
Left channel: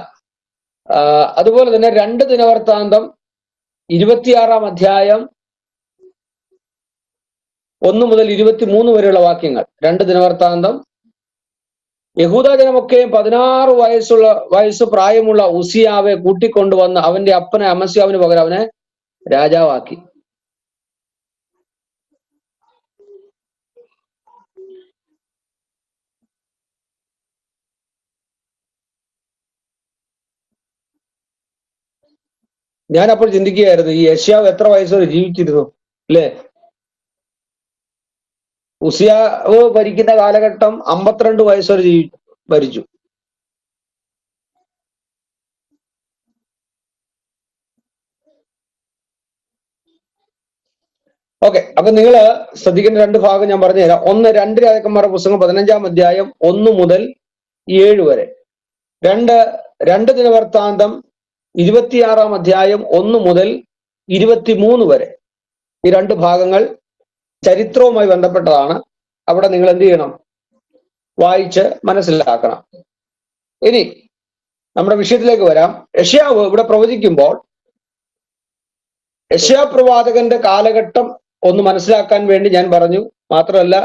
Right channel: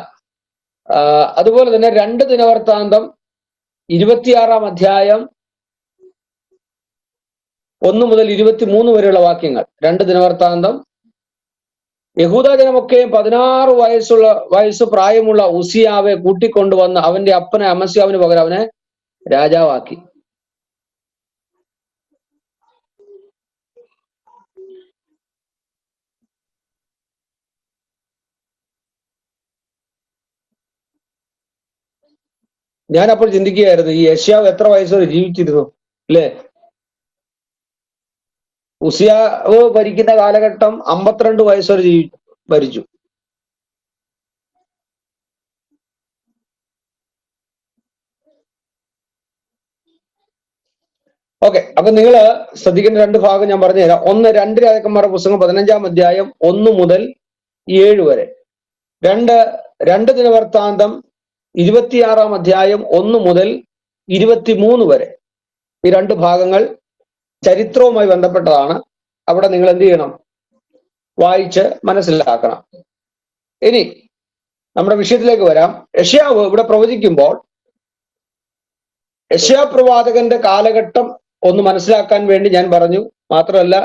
അതുപോലെ തന്നെ 2 ദിനവൃത്താന്തം 26-ാം അധ്യായം 1 മുതൽ 23 വരെയുള്ള വാക്യങ്ങൾ. 2 ദിനവൃത്താന്തം. യഹൂദാജനമൊക്കെയും 16 വയസ്സ് പ്രായമുള്ള ഉസിയാവെ കൂട്ടിക്കൊണ്ടുവന്ന് അവന്റെ അപ്പനെ അമസ്യാവിന് പകരം അവനെ രാജാവാക്കി. ഞാൻ അപ്പോൾ ചിന്തിക്കുകയായിരുന്നു, ഈ യെശയ്യാവ് എത്ര വയസ്സുവരെ ജീവിച്ചിരുന്നു അല്ലേ? ഉസിയാവ് ഭരിക്കുന്ന കാലഘട്ടം 52 വയസ്സുവരെ ഭരിച്ചു. ഓക്കെ, അപ്പൊ നിങ്ങൾ ശ്രദ്ധിക്കേണ്ട രണ്ട് ഭാഗം ഞാൻ പറഞ്ഞു തരാം. ഒന്ന്, 2 രാജാക്കന്മാരുടെ പുസ്തകം 15-ാം അധ്യായം 1 മുതൽ 7 വരെ. 2 ദിനവൃത്താന്തം 26-ാം അധ്യായം 1 മുതൽ 23 വരെ. ഈ 2 ഭാഗങ്ങൾ ചരിത്രവുമായി ബന്ധപ്പെട്ടതാണ്. അവിടെ നിങ്ങൾ എന്ത് ചെയ്യണം? വായിച്ച് മനസ്സിലാക്കണം. ഇനി നമ്മുടെ വിഷയത്തിലേക്ക് വരാം. യെശയ്യാവ് ഇവിടെ പ്രവചിക്കുമ്പോൾ യെശയ്യാ പ്രവാചകന്റെ കാലഘട്ടം ഒന്ന് മനസ്സിലാക്കാൻ വേണ്ടി ഞാൻ പറഞ്ഞു. മാത്രമല്ല,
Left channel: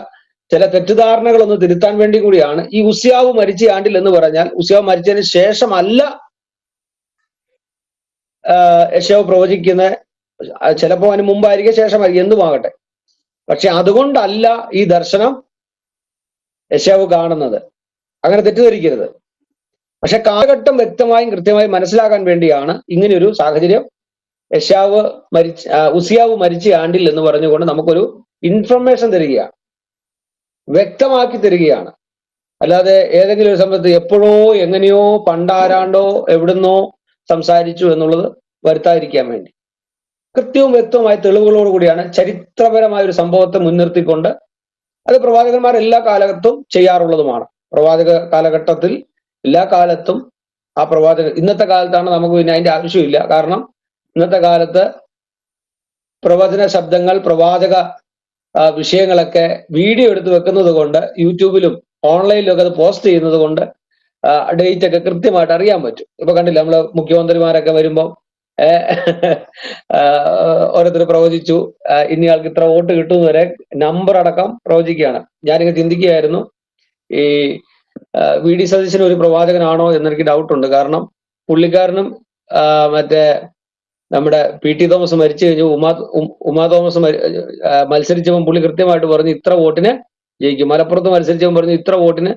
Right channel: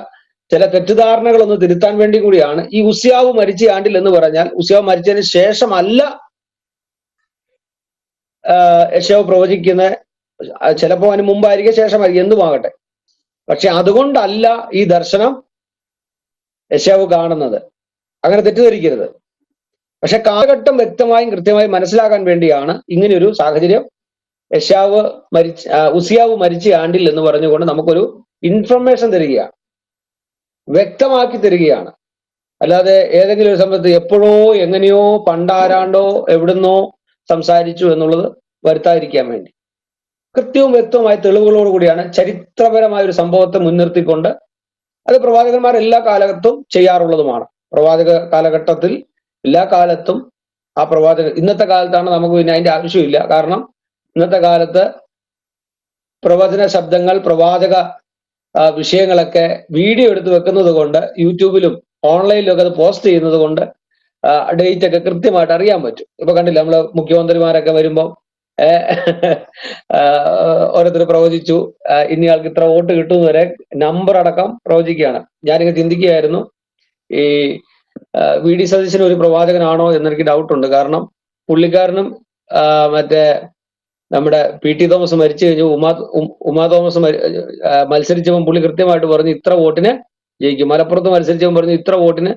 ചില തെറ്റിദ്ധാരണകൾ ഒന്ന് തിരുത്താൻ വേണ്ടി കൂടിയാണ്. ഈ ഉസ്യാവ് മരിച്ച ആണ്ടിൽ എന്ന് പറഞ്ഞാൽ ഉസ്യാവ് മരിച്ചതിന് ശേഷമല്ല യെശയ്യാവ് പ്രവചിക്കുന്നത്. ചിലപ്പോൾ അതിന് മുമ്പായിരിക്കും, ശേഷമായിരിക്കും, എന്തുമാകട്ടെ. പക്ഷെ അതുകൊണ്ടല്ല ഈ ദർശനം യെശയ്യാവ് കാണുന്നത്. അങ്ങനെ തെറ്റിദ്ധരിക്കരുത്. പക്ഷെ കാലഘട്ടം വ്യക്തമായും കൃത്യമായും മനസ്സിലാക്കാൻ വേണ്ടിയാണ് ഇങ്ങനെയൊരു സാഹചര്യം ഉസിയാവ് മരിച്ച ആണ്ടിൽ എന്ന് പറഞ്ഞുകൊണ്ട് നമുക്കൊരു ഇൻഫർമേഷൻ തരികയാണ്, വ്യക്തമാക്കി തരികയാണ്. അല്ലാതെ ഏതെങ്കിലും ഒരു സമയത്ത് എപ്പോഴോ എങ്ങനെയോ പണ്ടാരാണ്ടോ എവിടുന്നോ സംസാരിച്ചു എന്നുള്ളത് വരുത്താതിരിക്കാൻ വേണ്ടി കൃത്യവും വ്യക്തവുമായ തെളിവുകളോട് കൂടിയാണ് ചരിത്രപരമായ ഒരു സംഭവത്തെ മുൻനിർത്തിക്കൊണ്ട്, അത് പ്രവാചകന്മാർ എല്ലാ കാലഘട്ടവും ചെയ്യാറുള്ളതുമാണ്. പ്രവാചക കാലഘട്ടത്തിൽ എല്ലാ കാലത്തും ആ പ്രവാചകൻ, ഇന്നത്തെ കാലത്താണ് നമുക്ക് പിന്നെ അതിന്റെ ആവശ്യമില്ല. കാരണം ഇന്നത്തെ കാലത്ത് പ്രവചന ശബ്ദങ്ങൾ, പ്രവാചക വിഷയങ്ങളൊക്കെ വീഡിയോ എടുത്ത് വെക്കുന്നത് കൊണ്ട്, യൂട്യൂബിലും ഓൺലൈനിലും ഒക്കെ അത് പോസ്റ്റ് ചെയ്യുന്നത് കൊണ്ട് ഡേറ്റ് ഒക്കെ കൃത്യമായിട്ട് അറിയാൻ പറ്റും. ഇപ്പൊ കണ്ടില്ല, നമ്മള് മുഖ്യമന്ത്രിമാരൊക്കെ വരുമ്പോൾ ഓരോരുത്തർ പ്രവചിച്ചു ഇനിയാൾക്ക് ഇത്ര വോട്ട് കിട്ടുമെന്ന് വരെ നമ്പർ അടക്കം പ്രവചിക്കുകയാണ്. ഞാനിങ്ങനെ ചിന്തിക്കുകയായിരുന്നു, ഈ വി.ഡി. സതീശൻ ഒരു പ്രവാചകനാണോ എന്നെനിക്ക് ഡൗട്ടുണ്ട്. കാരണം പുള്ളിക്കാരനും മറ്റേ നമ്മുടെ പി.ടി. തോമസ് മരിച്ചു കഴിഞ്ഞു, ഉമാ തോമസ് മത്സരിച്ചപ്പോൾ പുള്ളി കൃത്യമായിട്ട് പറഞ്ഞു ഇത്ര വോട്ടിന് ജയിക്കും. മലപ്പുറത്ത് മത്സരിച്ചപ്പോൾ പറഞ്ഞു ഇത്ര വോട്ടിന്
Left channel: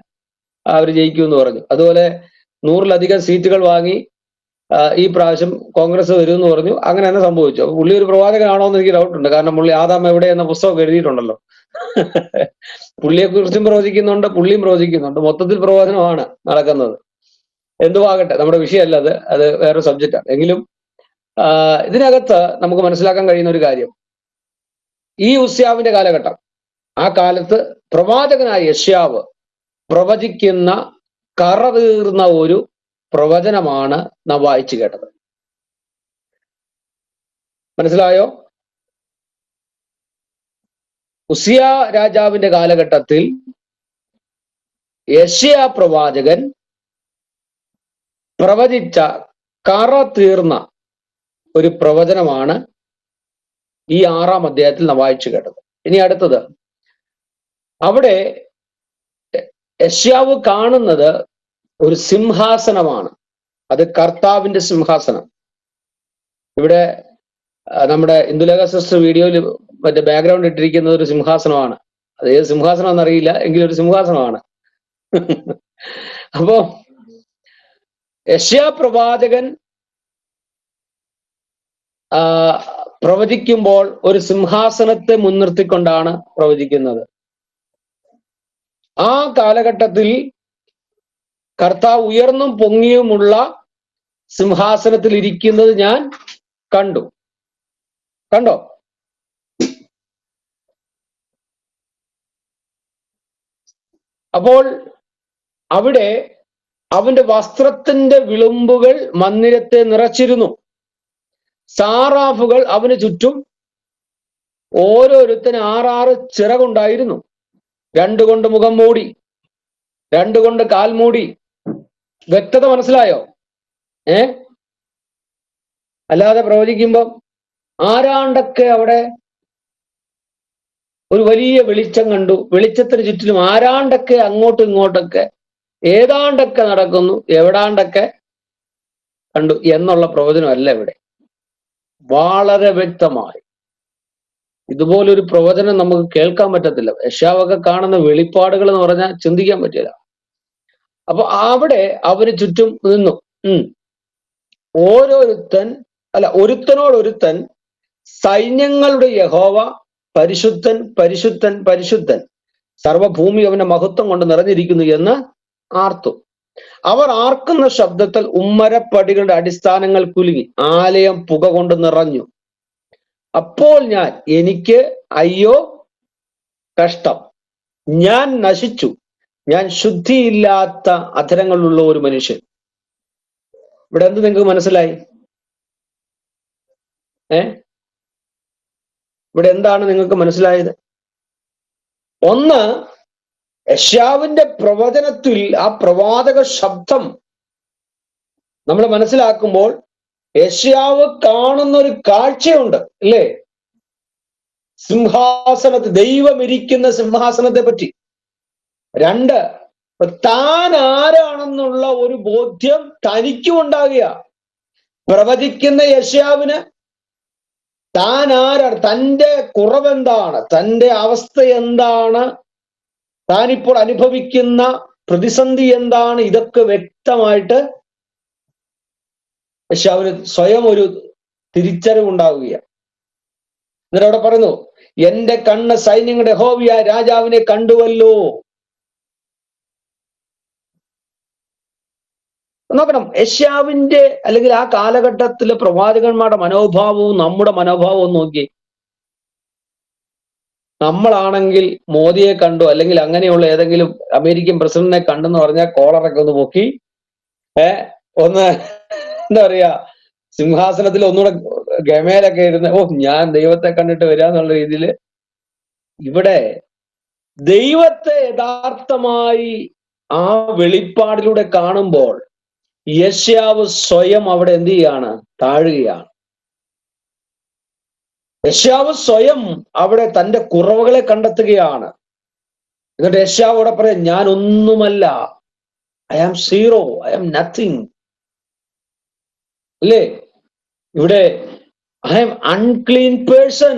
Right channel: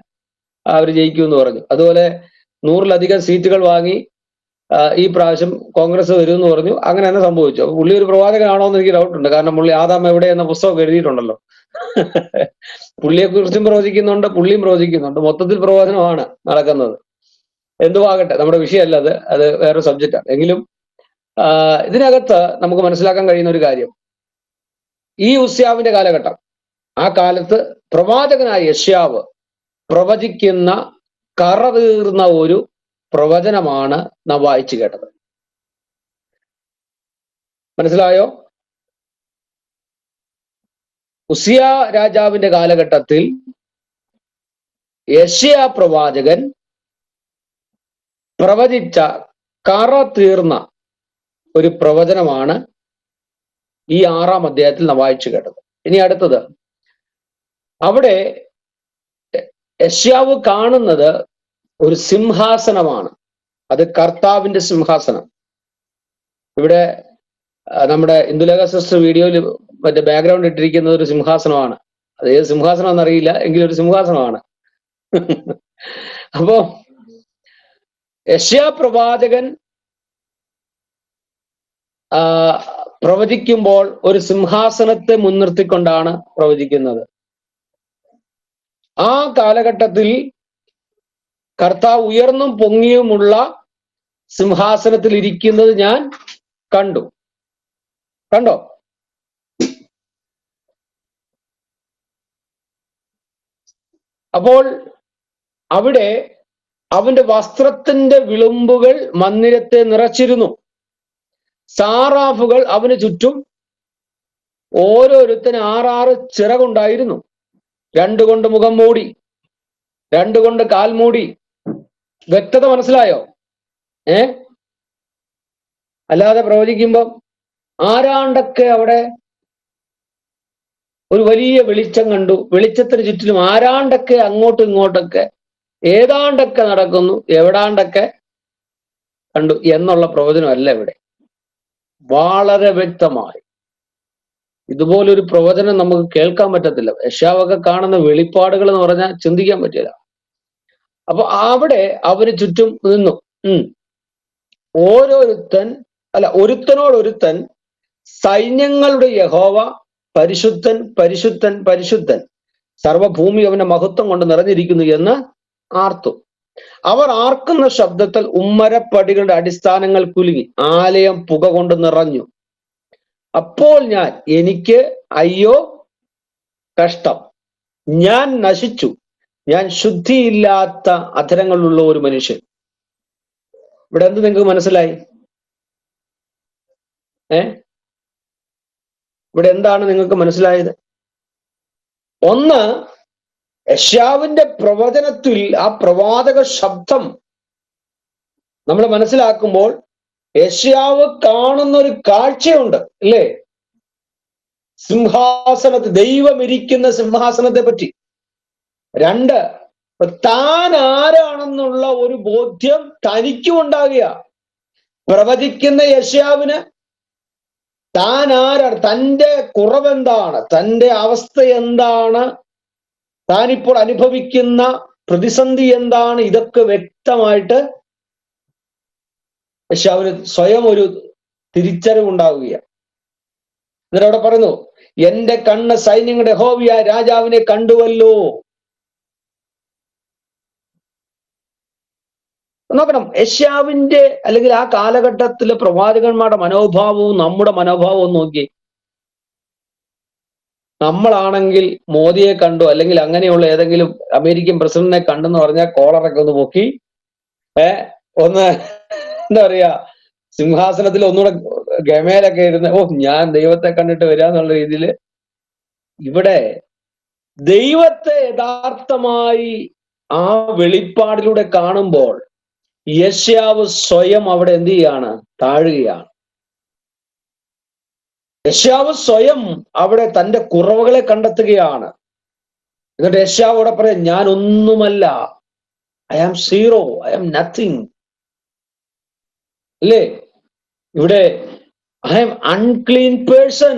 അവർ ജയിക്കും എന്ന് പറഞ്ഞു. അതുപോലെ 100-ലധികം സീറ്റുകൾ വാങ്ങി ഈ പ്രാവശ്യം കോൺഗ്രസ് വരും എന്ന് പറഞ്ഞു. അങ്ങനെ തന്നെ സംഭവിച്ചു. അപ്പൊ പുള്ളി ഒരു പ്രവാചകനാണോ എന്ന് എനിക്ക് ഡൗട്ടുണ്ട്. കാരണം പുള്ളി ആദാം എവിടെ എന്ന പുസ്തകം എഴുതിയിട്ടുണ്ടല്ലോ. പുള്ളിയെ കുറിച്ചും പ്രവചിക്കുന്നുണ്ട്, പുള്ളിയും പ്രവചിക്കുന്നുണ്ട്. മൊത്തത്തിൽ പ്രവചനമാണ് നടക്കുന്നത്. എന്തുവാകട്ടെ, നമ്മുടെ വിഷയമല്ല അത് വേറെ സബ്ജക്റ്റാണ്. എങ്കിലും ഇതിനകത്ത് നമുക്ക് മനസ്സിലാക്കാൻ കഴിയുന്ന ഒരു കാര്യം, ഈ ഉസ്യാവിന്റെ കാലഘട്ടം, ആ കാലത്ത് പ്രവാചകനായ യെശയ്യാവ് പ്രവചിക്കുന്ന കറതീർന്ന ഒരു പ്രവചനമാണ് നാം വായിച്ചു കേട്ടത്. മനസ്സിലായോ? ഉസിയ രാജാവിന്റെ കാലഘട്ടത്തിൽ യെശയ്യാ പ്രവാചകൻ പ്രവചിച്ച കറ തീർന്ന ഒരു പ്രവചനമാണ് ഈ 6-ാം അധ്യായത്തിൽ നാം വായിച്ചു കേട്ടത്. ഇനി അടുത്തത്, അവിടെ യെശയ്യാവ് കാണുന്നത് ഒരു സിംഹാസനമാണ്. അത് കർത്താവിന്റെ സിംഹാസനം. ഇവിടെ നമ്മുടെ ഇന്ദുലേഖ സിസ്റ്റർ വീഡിയോയിൽ മറ്റേ ബാക്ക്ഗ്രൗണ്ട് ഇട്ടിരിക്കുന്നത് ഒരു സിംഹാസനമാണ്. അത് ഏത് സിംഹാസനം എന്നറിയില്ല, എങ്കിലും ഒരു സിംഹാസനമാണ്. അപ്പോ യെശയ്യാ പ്രവാചകൻ പ്രവചിക്കുമ്പോൾ ഒരു സിംഹാസനത്തെ മുൻനിർത്തിക്കൊണ്ടാണ് പ്രവചിക്കുന്നത്. ആ കാലഘട്ടത്തിൽ കർത്താവ് ഉയർന്നും പൊങ്ങിയുമുള്ള സിംഹാസനത്തിൽ ഇരിക്കുന്നത് ഞാൻ കണ്ടോ? അപ്പോൾ അവിടെ അവന്റെ വസ്ത്രത്തിന്റെ വിളുമ്പുകൾ മന്ദിരത്തെ നിറച്ചിരുന്നു. സാറാഫുകൾ അവന് ചുറ്റും ഓരോരുത്തന് 6 ചിറകുണ്ടായിരുന്നു. 2 കൊണ്ട് മുഖം മൂടി, 2 കൊണ്ട് കാൽ മൂടി. വ്യക്തത മനസ്സിലായോ? അല്ലാതെ പ്രവചിക്കുമ്പം ആരാണ്ടൊക്കെ അവിടെ ഒരു വലിയ വെളിച്ചം കണ്ടു, വെളിച്ചത്തിന് ചുറ്റിലും ആരാണ്ടൊക്കെ അങ്ങോട്ടും ഇങ്ങോട്ടൊക്കെ ഏതാണ്ടൊക്കെ നടക്കുന്നു, എവിടാണ്ടൊക്കെ കണ്ടു എന്നുള്ള പ്രവചനമല്ല ഇവിടെ. വളരെ വ്യക്തമായി ഇതുപോലൊരു പ്രവചനം നമുക്ക് കേൾക്കാൻ പറ്റത്തില്ല. യെശയ്യാവൊക്കെ കാണുന്ന വെളിപ്പാടുകൾ എന്ന് പറഞ്ഞാൽ ചിന്തിക്കാൻ പറ്റില്ല. അപ്പൊ അവിടെ അവന് ചുറ്റും നിന്നു. ഒരുത്തനോടൊരുത്തൻ സൈന്യങ്ങളുടെ യഹോവ പരിശുദ്ധൻ പരിശുദ്ധൻ പരിശുദ്ധൻ, സർവഭൂമി അവന്റെ മഹത്വം കൊണ്ട് നിറഞ്ഞിരിക്കുന്നു എന്ന് ആർത്തു. അവർ ആർക്കുന്ന ശബ്ദത്തിൽ ഉമ്മരപ്പടികളുടെ അടിസ്ഥാനങ്ങൾ കുലുങ്ങി, ആലയം പുക കൊണ്ട് നിറഞ്ഞു. അപ്പോൾ എനിക്ക് അയ്യോ കഷ്ടം, ഞാൻ നശിച്ചു, ഞാൻ ശുദ്ധിയില്ലാത്ത അധരങ്ങളുള്ള ഒരു മനുഷ്യൻ. ഇവിടെ എന്ത് നിങ്ങൾക്ക് മനസ്സിലായി? ഇവിടെ എന്താണ് നിങ്ങൾക്ക് മനസ്സിലായത്? ഒന്ന്, യെശയ്യാവിന്റെ പ്രവചനത്തിൽ ആ പ്രവാചക ശബ്ദം നമ്മൾ മനസ്സിലാക്കുമ്പോൾ യെശയ്യാവ് കാണുന്ന ഒരു കാഴ്ചയുണ്ട്, അല്ലേ? സിംഹാസനത്തിൽ ദൈവം ഇരിക്കുന്ന സിംഹാസനത്തെ പറ്റി. രണ്ട്, താൻ ആരാണെന്നുള്ള ഒരു ബോധ്യം തനിക്കും ഉണ്ടാകുക. പ്രവചിക്കുന്ന യെശയ്യാവിന് താൻ ആരാണ്, തൻ്റെ കുറവെന്താണ്, തൻ്റെ അവസ്ഥ എന്താണ്, താനിപ്പോൾ അനുഭവിക്കുന്ന പ്രതിസന്ധി എന്താണ്, ഇതൊക്കെ വ്യക്തമായിട്ട് യെശയ്യാവിന് സ്വയം ഒരു തിരിച്ചറിവുണ്ടാവുകയാണ്. എന്നിട്ട് അവിടെ പറയുന്നു, എന്റെ കണ്ണ് സൈന്യങ്ങളുടെ യഹോവയായ രാജാവിനെ കണ്ടുവല്ലോ. നോക്കണം, യെശയ്യാവിന്റെ അല്ലെങ്കിൽ ആ കാലഘട്ടത്തിലെ പ്രവാചകന്മാരുടെ മനോഭാവവും നമ്മുടെ മനോഭാവവും നോക്കി. നമ്മളാണെങ്കിൽ മോദിയെ കണ്ടു അല്ലെങ്കിൽ അങ്ങനെയുള്ള ഏതെങ്കിലും അമേരിക്കൻ പ്രസിഡന്റിനെ കണ്ടെന്ന് പറഞ്ഞാൽ കോളറൊക്കെ ഒന്ന് പൊക്കി ഒന്ന് എന്താ പറയാ, സിംഹാസനത്തിൽ ഒന്നുകൂടെ ഗമേലൊക്കെ ഇരുന്ന് ഞാൻ ദൈവത്തെ കണ്ടിട്ട് വരാന്നുള്ള രീതിയിൽ. ഇവിടെ ദൈവത്തെ യഥാർത്ഥമായി ആ വെളിപ്പാടിലൂടെ കാണുമ്പോൾ യെശയ്യാവ് സ്വയം അവിടെ എന്ത് ചെയ്യാണ്? താഴുകയാണ്. യെശയ്യാവ് സ്വയം അവിടെ തന്റെ കുറവുകളെ കണ്ടെത്തുകയാണ്. എന്നിട്ട് യെശയ്യാവ് അവിടെ പറയാം, ഞാൻ ഒന്നുമല്ല, I am zero, I am nothing, അല്ലേ? ഇവിടെ I am unclean person,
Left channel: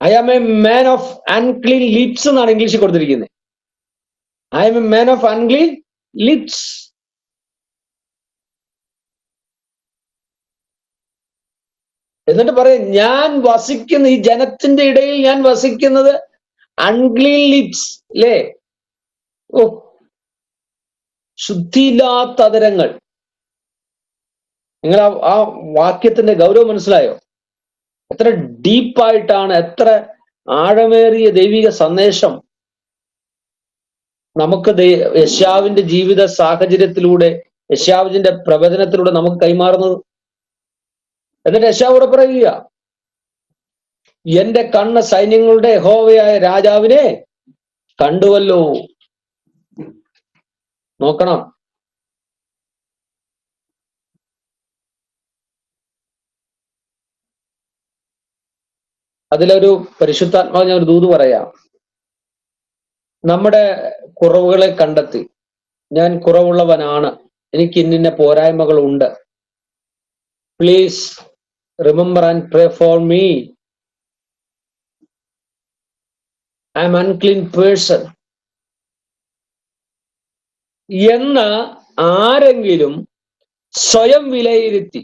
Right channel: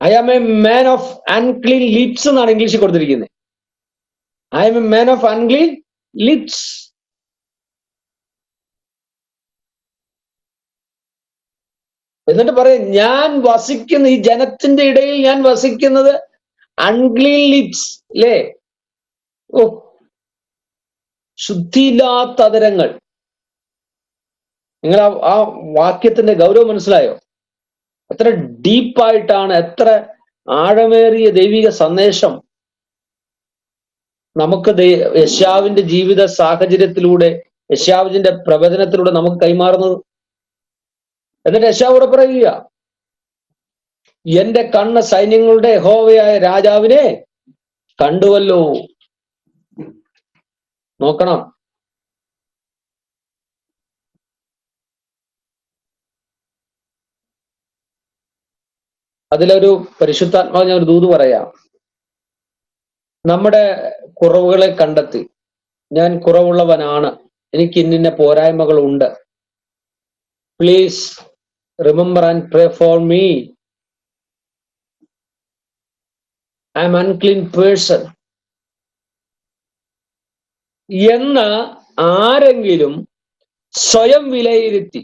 I am a man of unclean lips എന്നാണ് ഇംഗ്ലീഷിൽ കൊടുത്തിരിക്കുന്നത്. I am a man of unclean lips. എന്നിട്ട് പറയും, ഞാൻ വസിക്കുന്ന ഈ ജനത്തിന്റെ ഇടയിൽ ഞാൻ വസിക്കുന്നത് അൺക്ലീൻ ലിപ്സ്, അല്ലേ? ശുദ്ധിയില്ലാത്ത അധരങ്ങൾ. നിങ്ങൾ ആ വാക്യത്തിന്റെ ഗൗരവം മനസ്സിലായോ? എത്ര ഡീപ്പായിട്ടാണ്, എത്ര ആഴമേറിയ ദൈവിക സന്ദേശം നമുക്ക് യെശയ്യാവിന്റെ ജീവിത സാഹചര്യത്തിലൂടെ, യെശയ്യാവിന്റെ പ്രവചനത്തിലൂടെ നമുക്ക് കൈമാറുന്നത്. എന്നിട്ട് യെശയ്യാവോട് പറയുക, എന്റെ കണ്ണ് സൈന്യങ്ങളുടെ യഹോവയായ രാജാവിനെ കണ്ടുവല്ലോ. നോക്കണം, അതിലൊരു പരിശുദ്ധാത്മാവ് ഞാൻ ഒരു ദൂത് പറയാം. നമ്മുടെ കുറവുകളെ കണ്ടെത്തി, ഞാൻ കുറവുള്ളവനാണ്, എനിക്ക് ഇന്നിന്ന പോരായ്മകളുണ്ട്, please remember and pray for me, I am unclean person എന്ന് ആരെങ്കിലും സ്വയം വിലയിരുത്തി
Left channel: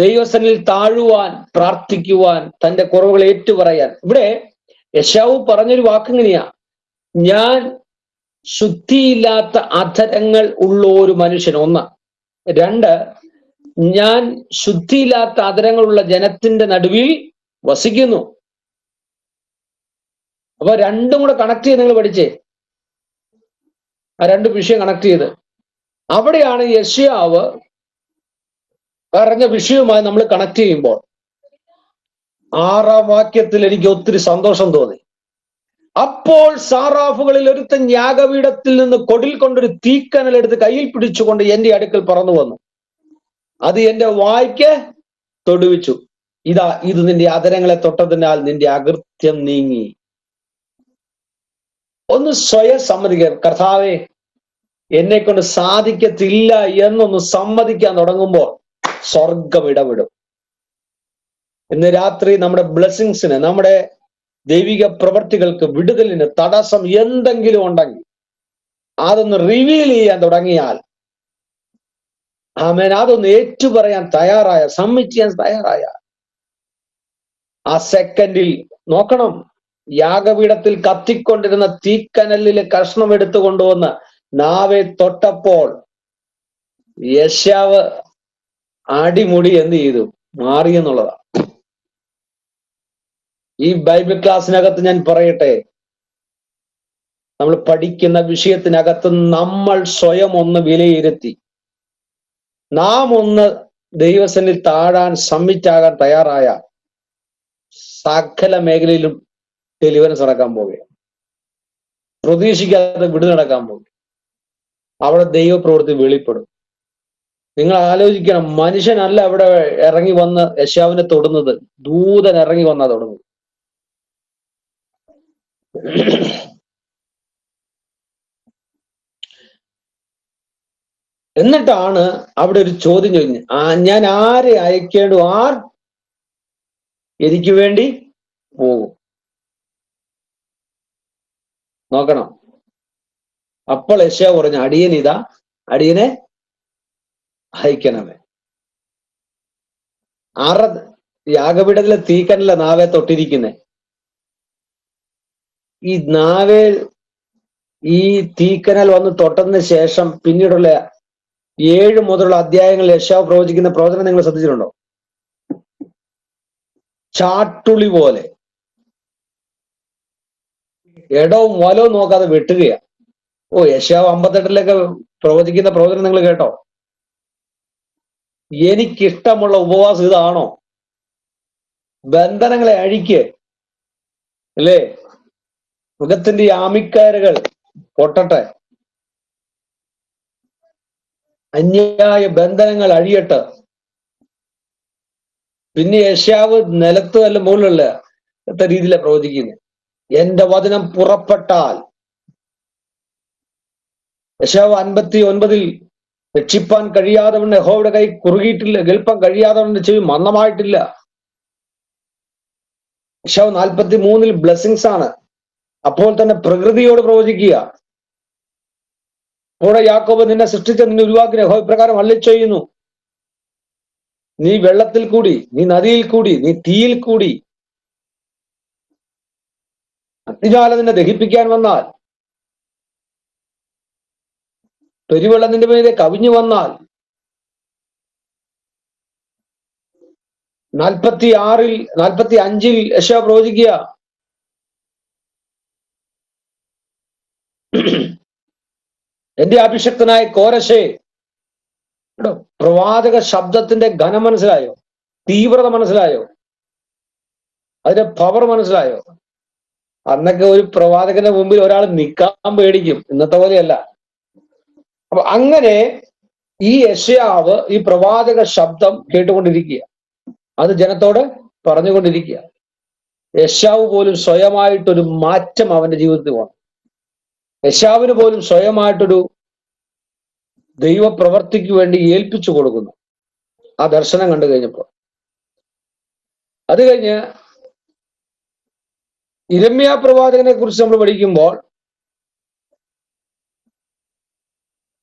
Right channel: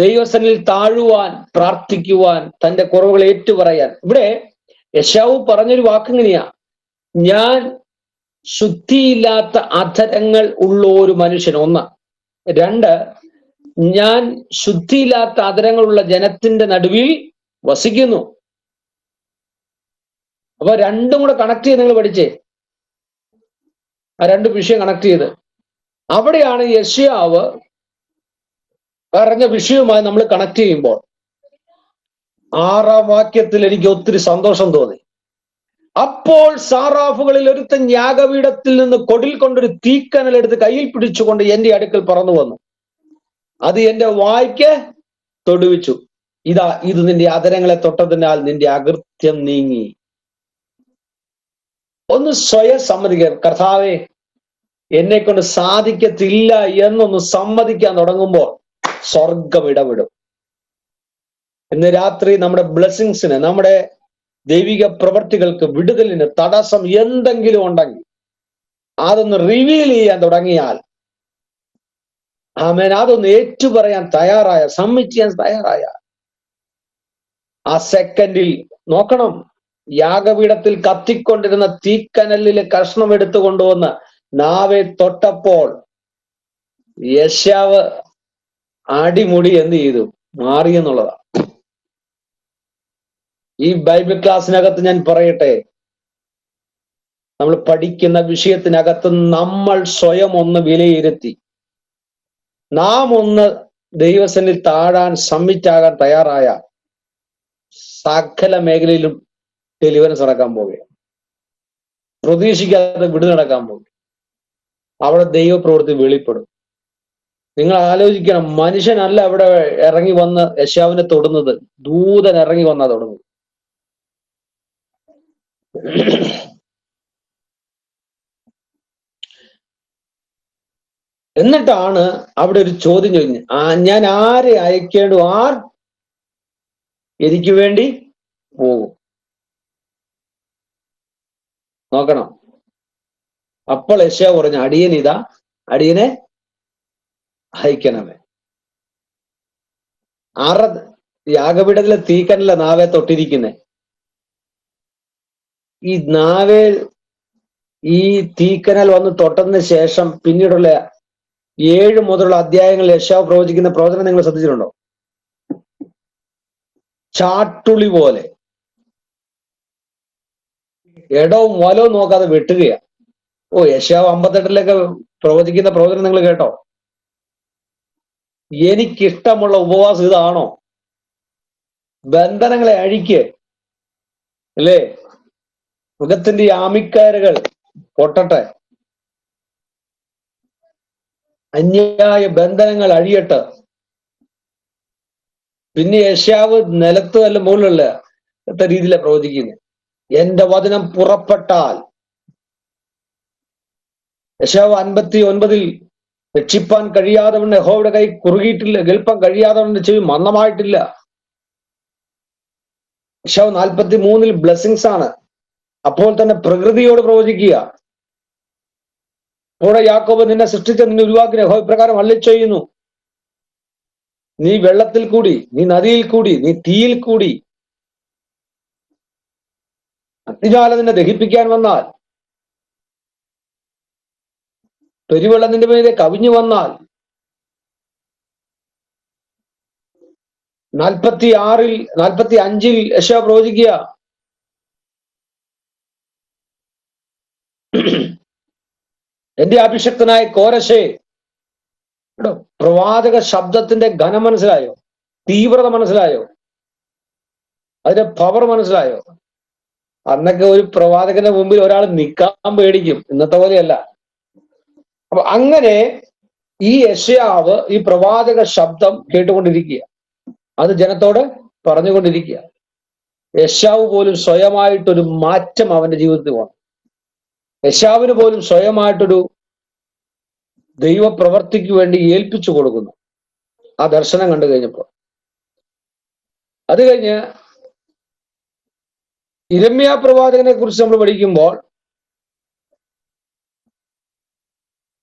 ദൈവസന്നിധിയിൽ താഴുവാൻ, പ്രാർത്ഥിക്കുവാൻ, തന്റെ കുറവുകൾ ഏറ്റുപറയാൻ. ഇവിടെ യെശയ്യാവ് പറഞ്ഞൊരു വാക്കിങ്ങനെയാ, ഞാൻ ശുദ്ധിയില്ലാത്ത അധരങ്ങൾ ഉള്ള ഒരു മനുഷ്യൻ. ഒന്ന്. രണ്ട്, ഞാൻ ശുദ്ധിയില്ലാത്ത അധരങ്ങളുള്ള ജനത്തിന്റെ നടുവിൽ വസിക്കുന്നു. അപ്പൊ രണ്ടും കൂടെ കണക്ട് ചെയ്ത് നിങ്ങൾ പഠിച്ചേ, ആ രണ്ട് വിഷയം കണക്ട് ചെയ്ത്. അവിടെയാണ് യെശയ്യാവ് പറഞ്ഞ വിഷയവുമായി നമ്മൾ കണക്ട് ചെയ്യുമ്പോൾ 6-ാം വാക്യത്തിൽ എനിക്ക് ഒത്തിരി സന്തോഷം തോന്നി. അപ്പോൾ സാറാഫുകളിൽ ഒരുത്തൻ യാഗപീഠത്തിൽ നിന്ന് കൊടിൽ കൊണ്ടൊരു തീക്കനലെടുത്ത് കയ്യിൽ പിടിച്ചുകൊണ്ട് എന്റെ അടുക്കൽ പറന്നു വന്നു, അത് എന്റെ വായ്ക്ക് തൊടുവിച്ചു. ഇതാ, ഇത് നിന്റെ അധരങ്ങളെ തൊട്ടതിനാൽ നിന്റെ അകൃത്യം നീങ്ങി. ഒന്ന് സ്വയം സമ്മതിക്കുക, കർത്താവേ എന്നെ കൊണ്ട് സാധിക്കത്തില്ല എന്നൊന്ന് സമ്മതിക്കാൻ തുടങ്ങുമ്പോൾ സ്വർഗം ഇടപെടും. ഇന്ന് രാത്രി നമ്മുടെ ബ്ലെസ്സിങ്സിന്, നമ്മുടെ ദൈവിക പ്രവർത്തികൾക്ക്, വിടുതലിന് തടസ്സം എന്തെങ്കിലും ഉണ്ടെങ്കിൽ അതൊന്ന് റിവീൽ ചെയ്യാൻ തുടങ്ങിയാൽ, ആമേൻ, അതൊന്ന് ഏറ്റുപറയാൻ തയ്യാറായ, സബ്മിറ്റ് ചെയ്യാൻ തയ്യാറായ ആ സെക്കൻഡിൽ നോക്കണം, യാഗപീഠത്തിൽ കത്തിക്കൊണ്ടിരുന്ന തീക്കനലിലെ കഷ്ണം എടുത്തു കൊണ്ടുവന്ന് നാവെ തൊട്ടപ്പോൾ യെശയ്യാവ് അടിമുടി എന്ത് ചെയ്തു? മാറി എന്നുള്ളതാണ്. ഈ ബൈബിൾ ക്ലാസ്സിനകത്ത് ഞാൻ പറയട്ടെ, നമ്മൾ പഠിക്കുന്ന വിഷയത്തിനകത്ത് നമ്മൾ സ്വയം ഒന്ന് വിലയിരുത്തി നാം ഒന്ന് ദൈവസന്നിൽ താഴാൻ സമ്മിറ്റാകാൻ തയ്യാറായ സകല മേഖലയിലും ഡെലിവറൻസ് നടക്കാൻ പോവുകയാണ്. പ്രതീക്ഷിക്കാതെ വിടുതൽ നടക്കാൻ പോകും. അവിടെ ദൈവപ്രവൃത്തി വെളിപ്പെടും. നിങ്ങൾ ആലോചിക്കണം, മനുഷ്യനല്ല അവിടെ ഇറങ്ങി വന്ന് യെശയ്യാവിനെ തൊടുന്നത്, ദൂതൻ ഇറങ്ങി വന്നാ തൊടുന്നത്. എന്നിട്ടാണ് അവിടെ ഒരു ചോദ്യം ചോദിക്കുന്നത്, ഞാൻ ആരെ അയക്കേണ്ടു, ആർ എനിക്ക് വേണ്ടി പോകും? നോക്കണം. അപ്പോൾ യെശയ്യാവ് പറഞ്ഞു, അടിയൻ ഇതാ, അടിയനെ അയക്കണമേ. യാഗപീഠത്തിലെ തീക്കനല്ല നാവെ തൊട്ടിരിക്കുന്നേ. ഈ നാവേ ഈ തീക്കനൽ വന്ന് തൊട്ടതിന് ശേഷം പിന്നീടുള്ള 7 മുതലുള്ള അധ്യായങ്ങളിൽ യെശയ്യാവ് പ്രവചിക്കുന്ന പ്രവചനം നിങ്ങൾ ശ്രദ്ധിച്ചിട്ടുണ്ടോ? ചാട്ടുളി പോലെ ഇടവും വലവും നോക്കാതെ വെട്ടുകയാ. യെശയ്യാവ് 58 പ്രവചിക്കുന്ന പ്രവചനം നിങ്ങൾ കേട്ടോ? എനിക്കിഷ്ടമുള്ള ഉപവാസം ഇതാണോ? ബന്ധനങ്ങളെ അഴിക്ക്, അല്ലേ? മൃഗത്തിന്റെ ആമിക്കയറുകൾ പൊട്ടട്ടെ, അന്യായ ബന്ധനങ്ങൾ അഴിയട്ടെ. പിന്നെ യെശയ്യാവ് നിലത്ത് അല്ല മുകളിലുള്ള രീതിയിലാണ് പ്രവചിക്കുന്നത്. എന്റെ വചനം പുറപ്പെട്ടാൽ, യെശയ്യാവ് 59 രക്ഷിപ്പാൻ കഴിയാതവണ്ണം യഹോവയുടെ കൈ കുറുകിയിട്ടില്ല, കേൾപ്പാൻ കഴിയാതവണ്ണം ചെവി മന്ദമായിട്ടില്ല. യെശയ്യാവ് 43 ബ്ലെസ്സിങ്സ് ആണ്. അപ്പോൾ തന്നെ പ്രകൃതിയോട് പ്രവചിക്കുക. കൂടെ യാക്കോബ്, നിന്നെ സൃഷ്ടിച്ച നിന്നെ ഉരുവാക്കിയ യഹോവ പ്രകാരം അരുളിച്ചെയ്യുന്നു, നീ വെള്ളത്തിൽ കൂടി, നീ നദിയിൽ കൂടി, നീ തീയിൽ കൂടി, അഗ്നിജ്വാല നിന്നെ ദഹിപ്പിക്കാൻ വന്നാൽ, പെരുവെള്ളം നിന്റെ മീതെ കവിഞ്ഞു വന്നാൽ, 45 യെശയ്യാവ് പ്രവചിക്കുക, എന്റെ അഭിഷക്തനായ കോരശേ. പ്രവാചക ശബ്ദത്തിന്റെ ഘനം മനസ്സിലായോ? തീവ്രത മനസ്സിലായോ? അതിന്റെ പവർ മനസ്സിലായോ? അന്നൊക്കെ ഒരു പ്രവാചകന്റെ മുമ്പിൽ ഒരാൾ നിൽക്കാൻ പേടിക്കും, ഇന്നത്തെ പോലെയല്ല. അപ്പൊ അങ്ങനെ ഈ യെശയ്യാവ് ഈ പ്രവാചക ശബ്ദം കേട്ടുകൊണ്ടിരിക്കുക, അത് ജനത്തോട് പറഞ്ഞുകൊണ്ടിരിക്കുക. യെശയ്യാവ് പോലും സ്വയമായിട്ടൊരു മാറ്റം അവന്റെ ജീവിതത്തിൽ വന്നു. യെശയ്യാവിന് പോലും സ്വയമായിട്ടൊരു ദൈവപ്രവർത്തിക്ക് വേണ്ടി ഏൽപ്പിച്ചു കൊടുക്കുന്നു ആ ദർശനം കണ്ടു കഴിഞ്ഞപ്പോൾ. അത് കഴിഞ്ഞ് യിരെമ്യാ പ്രവാചകനെ കുറിച്ച് നമ്മൾ പഠിക്കുമ്പോൾ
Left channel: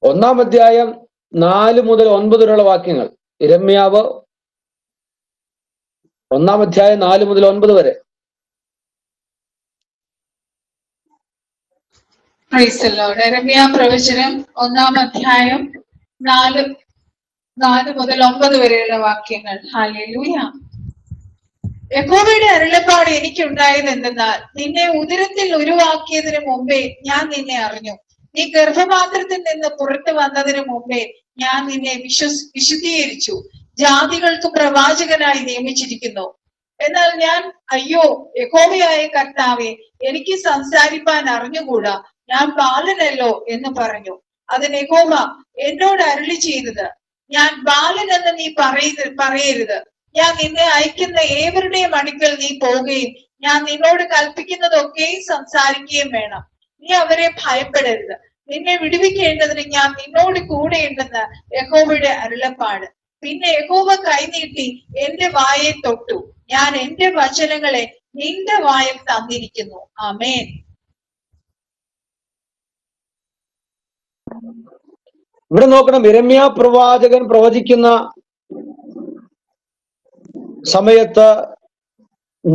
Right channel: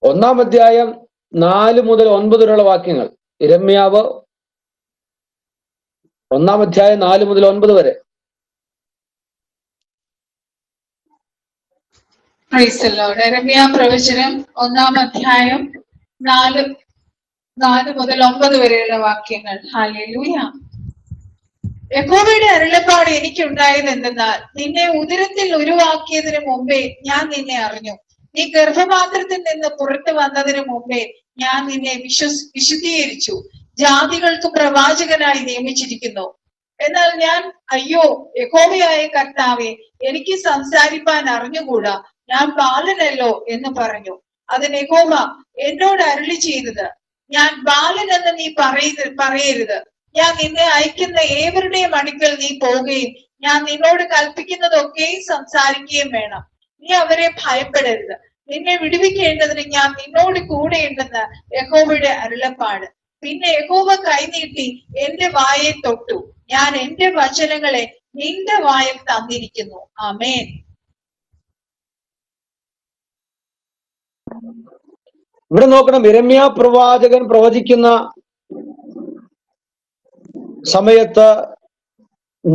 1-ാം അധ്യായം 4 മുതൽ 9 വരെയുള്ള വാക്യങ്ങൾ, യിരെമ്യാവ് 1-ാം അധ്യായം 4 മുതൽ 9 വരെ. യിരെമ്യാ പ്രവചനം 1-ാം അധ്യായം 4 മുതൽ 9 വരെയുള്ള വാക്യങ്ങൾ. ഹല്ലേലൂയ. യഹോവയുടെ അരുളപ്പാട് എനിക്കുണ്ടായത് എന്തെന്നാൽ, നിന്നെ ഉദരത്തിൽ ഉരുവാക്കിയതിനു മുമ്പേ ഞാൻ നിന്നെ അറിഞ്ഞു, നീ ഗർഭപാത്രത്തിൽ നിന്ന് പുറത്തു വന്നതിന് മുമ്പേ ഞാൻ നിന്നെ വിശുദ്ധീകരിച്ചു, ജാതികൾക്ക് പ്രവാചകനായി നിയമിച്ചിരിക്കുന്നു. എന്നാൽ ഞാൻ, അയ്യോ യഹോവയായ കർത്താവേ, എനിക്ക് സംസാരിപ്പാൻ അറിഞ്ഞുകൂടാ, ഞാൻ ബാലനല്ലോ എന്ന് പറഞ്ഞു. അതിന് യഹോവ എന്നോട് അരുളി ചെയ്തത്, ഞാൻ ബാലനെന്ന് നീ പറയരുത്, ഞാൻ നിന്നെ അയക്കുന്ന ഏവരുടെയും അടുക്കൽ നീ പോവുകയും ഞാൻ നിന്നോട് കൽപ്പിക്കുന്നതൊക്കെയും സംസാരിക്കുകയും വേണം. നീ അവരെ ഭയപ്പെടരുത്, നിന്നെ വിടുവിക്കേണ്ടതിന് ഞാൻ നിന്നോട് കൂടെയുണ്ടെന്ന് യഹോവയുടെ അരുളപ്പാട്. പിന്നെ യഹോവ കൈനീട്ടി എന്റെ വായെ തൊട്ടു, ഞാൻ എന്റെ വചനങ്ങളെ നിന്റെ വായിൽ തന്നിരിക്കുന്നു. ആമേൻ. ഇവിടെ നോക്കണം, യിരെമ്യാ പ്രവാചകൻ പ്രവചിക്കുന്ന സമയത്ത്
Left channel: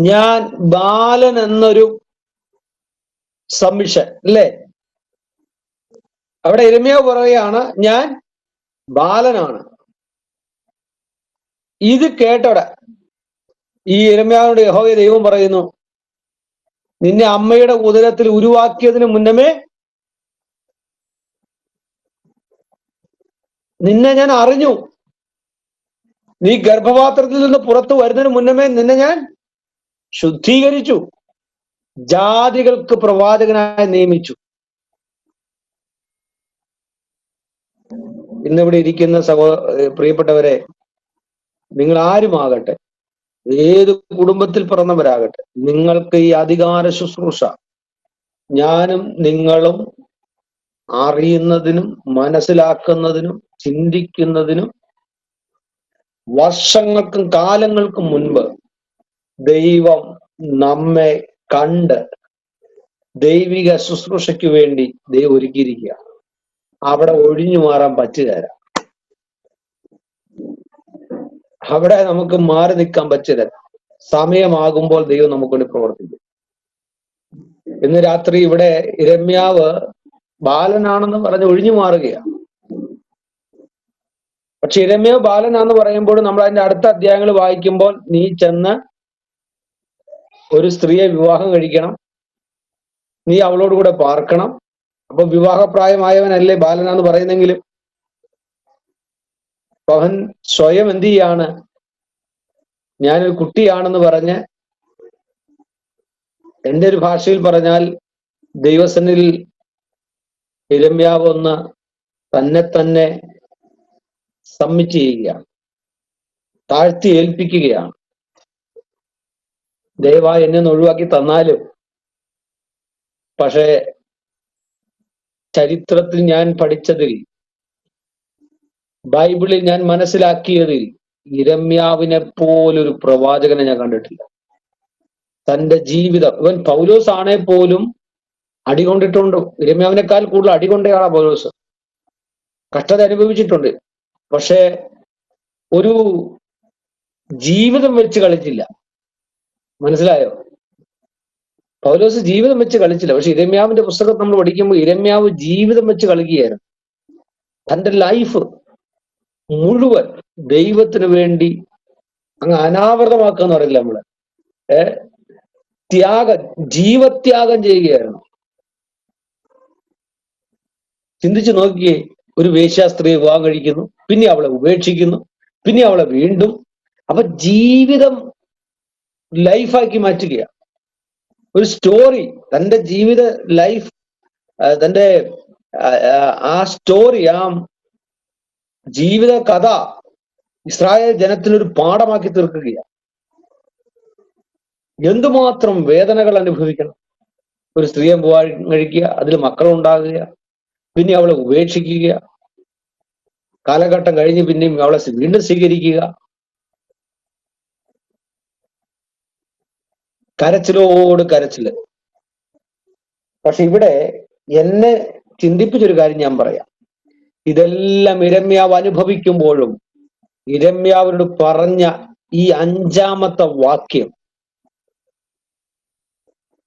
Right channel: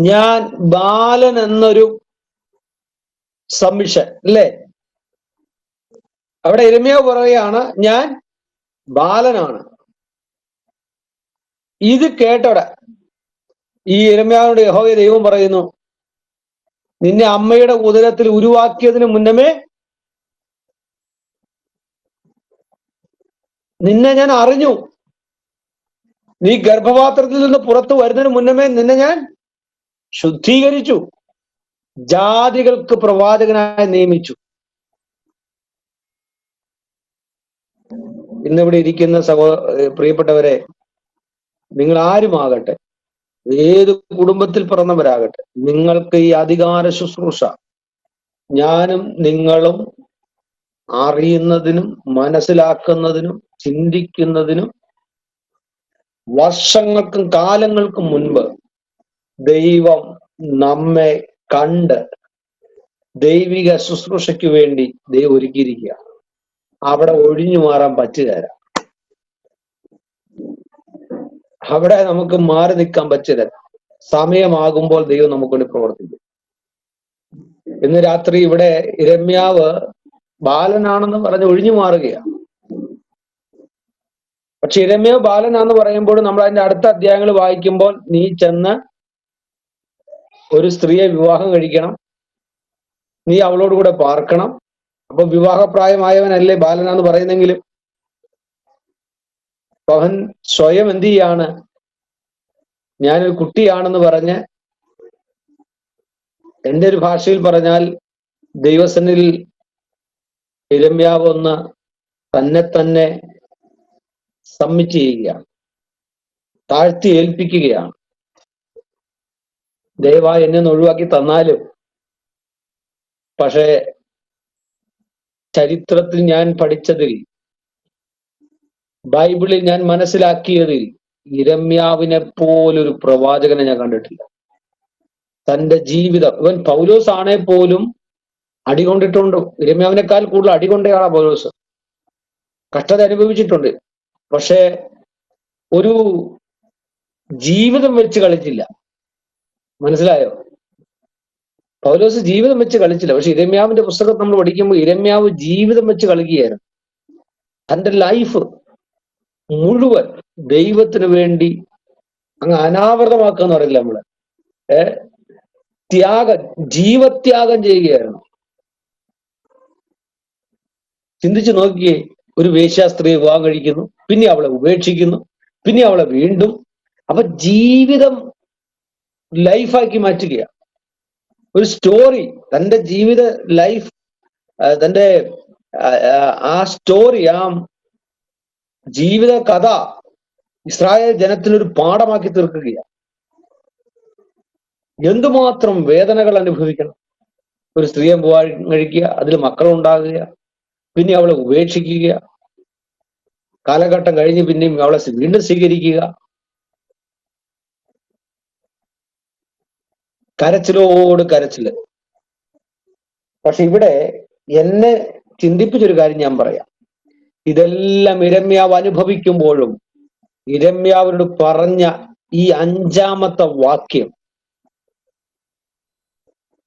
ഞാൻ ബാലൻ എന്നൊരു സബ്മിഷൻ, അല്ലേ? അവിടെ യിരെമ്യാവ് പറയുകയാണ്, ഞാൻ ബാലനാണ്. ഇത് കേട്ടോടെ ഈ യിരെമ്യാവിനോട് യഹോവ ദൈവം പറയുന്നു, നിന്നെ അമ്മയുടെ ഉദരത്തിൽ ഉരുവാക്കിയതിന് മുന്നമേ നിന്നെ ഞാൻ അറിഞ്ഞു. നീ ഗർഭപാത്രത്തിൽ നിന്ന് പുറത്തു വരുന്നതിന് മുന്നമേ നിന്നെ ഞാൻ ശുദ്ധീകരിച്ചു, ജാതികൾക്ക് പ്രവാചകനായി നിയമിച്ചു. ഇന്നിവിടെ ഇരിക്കുന്ന പ്രിയപ്പെട്ടവരെ, നിങ്ങൾ ആരുമാകട്ടെ, ഏത് കുടുംബത്തിൽ പിറന്നവരാകട്ടെ, നിങ്ങൾക്ക് ഈ അധികാര ശുശ്രൂഷ ഞാനും നിങ്ങളും അറിയുന്നതിനും മനസ്സിലാക്കുന്നതിനും ചിന്തിക്കുന്നതിനും വർഷങ്ങൾക്കും കാലങ്ങൾക്കും മുൻപ് ദൈവം നമ്മെ കണ്ട് ദൈവിക ശുശ്രൂഷയ്ക്ക് വേണ്ടി ദൈവം ഒരുക്കിയിരിക്കുക. അവിടെ ഒഴിഞ്ഞു മാറാൻ പറ്റുകയില്ല. അവിടെ നമുക്ക് മാറി നിൽക്കാൻ പറ്റില്ല. സമയമാകുമ്പോൾ ദൈവം നമുക്ക് വേണ്ടി പ്രവർത്തിക്കും. ഇന്ന് രാത്രി ഇവിടെ യിരെമ്യാവ് ബാലനാണെന്ന് പറഞ്ഞ് ഒഴിഞ്ഞു മാറുകയാണ്. പക്ഷെ യിരെമ്യാവ് ബാലനാന്ന് പറയുമ്പോൾ നമ്മൾ അതിന്റെ അടുത്ത അധ്യായങ്ങൾ വായിക്കുമ്പോൾ, നീ ചെന്ന് ഒരു സ്ത്രീയെ വിവാഹം കഴിക്കണം, നീ അവളോട് കൂടെ പാർക്കണം. അപ്പൊ വിവാഹപ്രായമായവനല്ലേ ബാലനാന്ന് പറയുന്നെങ്കിലും അവൻ സ്വയം എന്ത് ചെയ്യാണ്, ഞാനൊരു കുട്ടിയാണെന്ന് പറഞ്ഞ്, എൻ്റെ ഒരു ഭാഷയിൽ പറഞ്ഞാൽ ദൈവസന്നിധിയിൽ യിരെമ്യാവ് ഒന്ന് തന്നെ സബ്മിറ്റ് ചെയ്യുകയാണ്, താഴ്ത്തി ഏൽപ്പിക്കുകയാണ്. ദയവായി എന്നെ ഒന്ന് ഒഴിവാക്കി തന്നാലും, പക്ഷേ ചരിത്രത്തിൽ ഞാൻ പഠിച്ചതിൽ, ബൈബിളിൽ ഞാൻ മനസ്സിലാക്കിയതിൽ യിരെമ്യാവിനെ പോലൊരു പ്രവാചകനെ ഞാൻ കണ്ടിട്ടില്ല. തന്റെ ജീവിതം, ഇവൻ പൗലോസ് ആണേ പോലും അടികൊണ്ടിട്ടുണ്ട്. യിരെമ്യാവിനേക്കാൾ കൂടുതൽ അടികൊണ്ടയാളാ പൗലോസ്. കഷ്ടത അനുഭവിച്ചിട്ടുണ്ട്. പക്ഷേ ഒരു ജീവിതം വെച്ച് കളിച്ചില്ല. മനസ്സിലായോ? പൗലോസ് ജീവിതം വെച്ച് കളിച്ചില്ല. പക്ഷെ യിരെമ്യാവിന്റെ പുസ്തകം നമ്മൾ പഠിക്കുമ്പോൾ യിരെമ്യാവ് ജീവിതം വെച്ച് കളിക്കുകയായിരുന്നു. തന്റെ ലൈഫ് മുഴുവൻ ദൈവത്തിന് വേണ്ടി അങ്ങ് അനാവൃതമാക്കുക എന്ന് പറയില്ല നമ്മള്, ജീവത്യാഗം ചെയ്യുകയായിരുന്നു. ചിന്തിച്ചു നോക്കിയേ, ഒരു വേശ്യാസ്ത്രീയെ വിവാഹം കഴിക്കുന്നു, പിന്നെ അവളെ ഉപേക്ഷിക്കുന്നു, പിന്നെ അവളെ വീണ്ടും. അപ്പൊ ജീവിതം ലൈഫാക്കി മാറ്റുകയാണ്. ഒരു സ്റ്റോറി, തന്റെ ജീവിത ലൈഫ്, തന്റെ ആ സ്റ്റോറി, ആ ജീവിത കഥ ഇസ്രായേൽ ജനത്തിനൊരു പാഠമാക്കി തീർക്കുകയാണ്. എന്തുമാത്രം വേദനകൾ അനുഭവിക്കണം. ഒരു സ്ത്രീയെ വിവാഹം കഴിക്കുക, അതിൽ മക്കളുണ്ടാകുക, പിന്നെ അവളെ ഉപേക്ഷിക്കുക, കാലഘട്ടം കഴിഞ്ഞ് പിന്നെയും അവളെ വീണ്ടും സ്വീകരിക്കുക, കരച്ചിലോട് കരച്ചില്. പക്ഷെ ഇവിടെ എന്നെ ചിന്തിപ്പിച്ചൊരു കാര്യം ഞാൻ പറയാം. ഇതെല്ലാം യിരെമ്യാവ് അനുഭവിക്കുമ്പോഴും യിരെമ്യാവിനോട് പറഞ്ഞ ഈ 5-ാമത്തെ വാക്യം,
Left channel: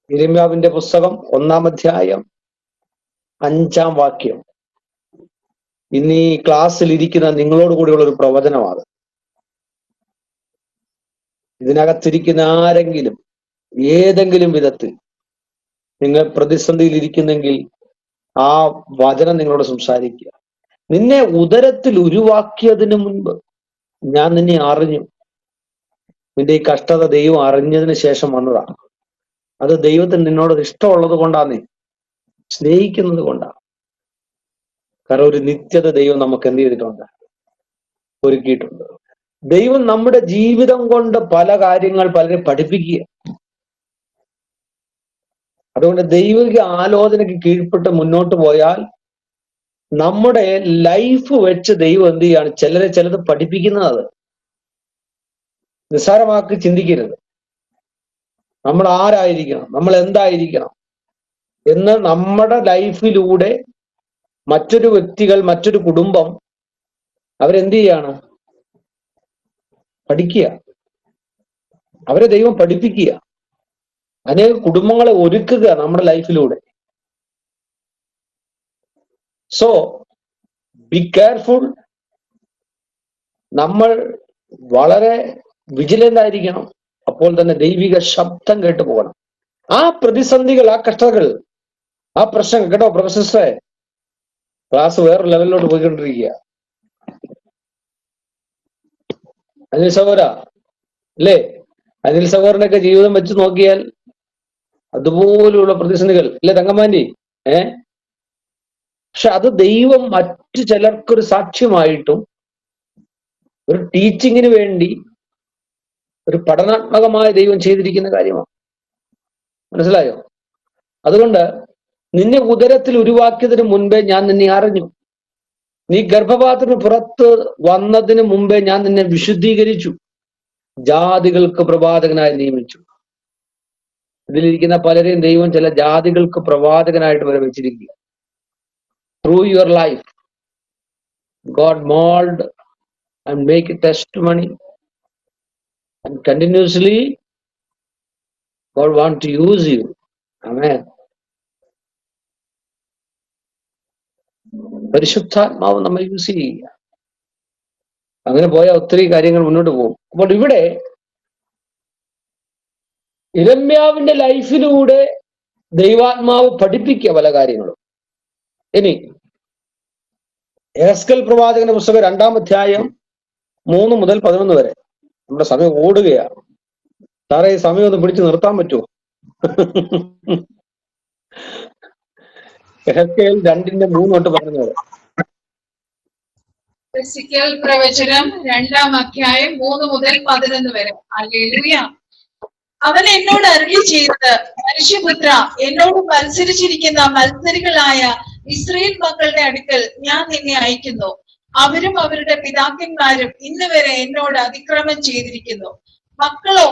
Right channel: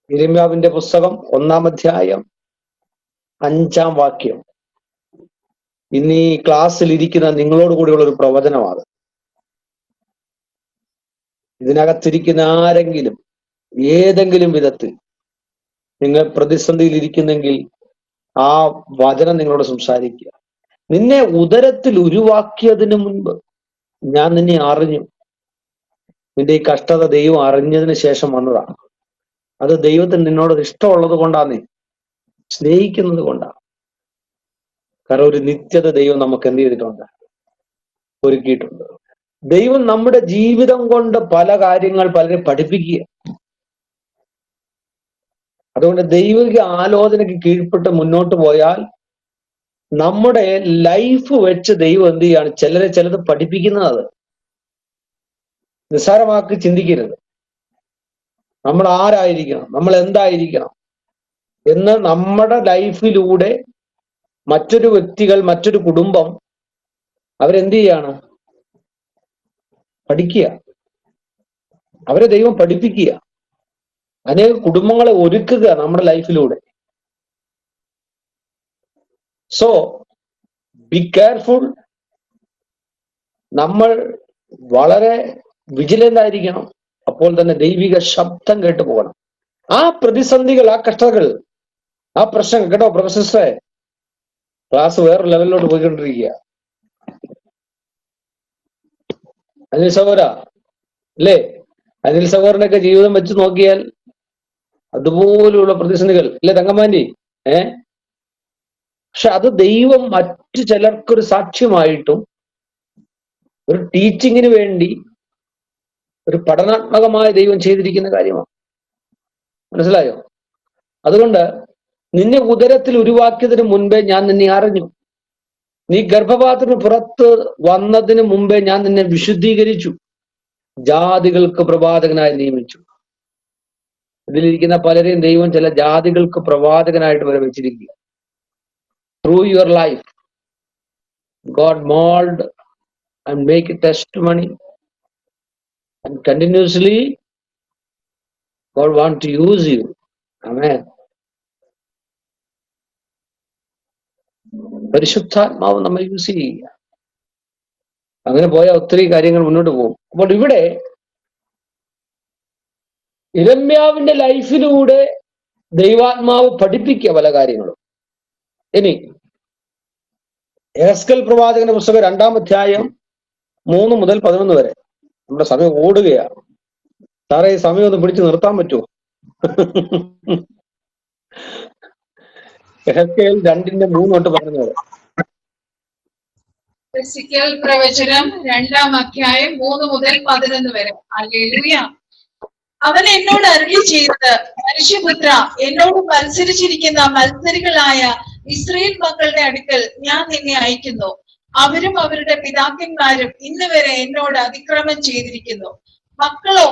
യിരെമ്യാവിന്റെ പുസ്തകം 1-ാം അധ്യായം 5-ാം വാക്യം, ഇന്ന് ഈ ക്ലാസ്സിൽ ഇരിക്കുന്ന നിങ്ങളോട് കൂടിയുള്ള ഒരു പ്രവചനമാണ്. ഇതിനകത്തിരിക്കുന്ന ആരെങ്കിലും ഏതെങ്കിലും വിധത്തിൽ നിങ്ങൾ പ്രതിസന്ധിയിൽ ഇരിക്കുന്നെങ്കിൽ ആ വചനം നിങ്ങളോട് സംസാരിക്കുക. നിന്നെ ഉദരത്തിൽ ഉരുവാക്കിയതിന് മുൻപ് ഞാൻ നിന്നെ അറിഞ്ഞു. നിന്റെ ഈ കഷ്ടത ദൈവം അറിഞ്ഞതിന് ശേഷം വന്നതാണ്. അത് ദൈവത്തിന് നിന്നോട് ഇഷ്ടമുള്ളത് കൊണ്ടാണ്, സ്നേഹിക്കുന്നത് കൊണ്ടാണ്. കാരണം ഒരു നിത്യത ദൈവം നമുക്ക് എന്ത് ചെയ്തിട്ടുണ്ട്, ഒരുക്കിയിട്ടുണ്ട്. ദൈവം നമ്മുടെ ജീവിതം കൊണ്ട് പല കാര്യങ്ങൾ പലരെ പഠിപ്പിക്കുക. അതുകൊണ്ട് ദൈവിക ആലോചനയ്ക്ക് കീഴ്പ്പെട്ട് മുന്നോട്ട് പോയാൽ നമ്മുടെ ലൈഫ് വെച്ച് ദൈവം എന്ത് ചെയ്യാണ്, ചിലത് പഠിപ്പിക്കുന്നത്. നിസ്സാരമാക്കി ചിന്തിക്കരുത്. നമ്മൾ ആരായിരിക്കണം, നമ്മൾ എന്തായിരിക്കണം എന്ന് നമ്മുടെ ലൈഫിലൂടെ മറ്റൊരു വ്യക്തികൾ, മറ്റൊരു കുടുംബം അവരെന്ത് ചെയ്യാണ്, പഠിക്കുക. അവരെ ദൈവം പഠിപ്പിക്കുക. അനേക കുടുംബങ്ങളെ ഒരുക്കുക നമ്മുടെ ലൈഫിലൂടെ. So be careful. നമ്മൾ വളരെ വിജിലന്റ് ആയിരിക്കണം. അപ്പോൾ തന്നെ ദൈവിക ശബ്ദം കേട്ടു പോകണം. ആ പ്രതിസന്ധികൾ, ആ കഷ്ടതകൾ, ആ പ്രശ്നങ്ങൾ, കേട്ടോ പ്രൊഫസറെ, ക്ലാസ് വേറൊരു ലെവലിലോട്ട് പോയിക്കൊണ്ടിരിക്കുക. അനിൽ സഹോദര അല്ലേ? അനിൽ സഹോദരനൊക്കെ ജീവിതം വെച്ച് നോക്കിയാൽ അതുപോലെയുള്ള പ്രതിസന്ധികൾ ഇല്ലേ തങ്കമാൻറ്റി? പക്ഷെ അത് ദൈവം മറ്റു ചിലർക്കൊരു സാക്ഷ്യമായിട്ടും ഒരു ടീച്ചിങ്ങിന് വേണ്ടി ഒരു പഠനാത്മകമായ ദൈവം ചെയ്തിരിക്കുന്ന കാര്യമാണ്. മനസ്സിലായോ? അതുകൊണ്ട് നിന്നെ ഉദരത്തിൽ ഉരുവാക്കിയതിന് മുൻപേ ഞാൻ നിന്നെ അറിഞ്ഞു. നീ ഗർഭപാത്രത്തിന് പുറത്ത് വന്നതിന് മുമ്പേ ഞാൻ നിന്നെ വിശുദ്ധീകരിച്ചു, ജാതികൾക്ക് പ്രവാചകനായി നിയമിച്ചു. ഇതിലിരിക്കുന്ന പലരെയും ദൈവം ചില ജാതികൾക്ക് പ്രവാചകനായിട്ട് വരെ വെച്ചിരിക്കുക. Through your life God mold and make a testimony, and continuously God want to use you. Amen. പരിശുദ്ധാത്മാവ് നമ്മെ യൂസ് ചെയ്യുക. അങ്ങനെ പോയ ഒത്തിരി കാര്യങ്ങൾ മുന്നോട്ട് പോകും. അപ്പോൾ ഇവിടെ യിരെമ്യാവിന്റെ ലൈഫിലൂടെ ദൈവാത്മാവ് പഠിപ്പിക്കുക പല കാര്യങ്ങളും. ഇനി യെഹെസ്കേൽ പ്രവാചകന്റെ പുസ്തകം 2-ാം അധ്യായം 3 മുതൽ 11 വരെ. നമ്മുടെ സമയം ഓടുകയാണ്. സാറേ ഈ സമയം ഒന്ന് പിടിച്ചു നിർത്താൻ പറ്റുമോ? യെഹെസ്കേൽ 2-ന്റെ 3 തൊട്ട് 11 വരെ. യെഹെസ്കേൽ പ്രവചനം 2-ാം അധ്യായം 3 മുതൽ 11 വരെ. ഹല്ലേലൂയ. അവൻ എന്നോട് അരുളി ചെയ്തത്, മനുഷ്യപുത്ര, എന്നോട് മത്സരിച്ചിരിക്കുന്ന മത്സരികളായ ഇസ്രായേൽ മക്കളുടെ അടുക്കൽ ഞാൻ നിന്നെ അയക്കുന്നു. അവരും അവരുടെ പിതാക്കന്മാരും ഇന്ന് വരെ എന്നോട് അതിക്രമം ചെയ്തിരിക്കുന്നു. മക്കളോ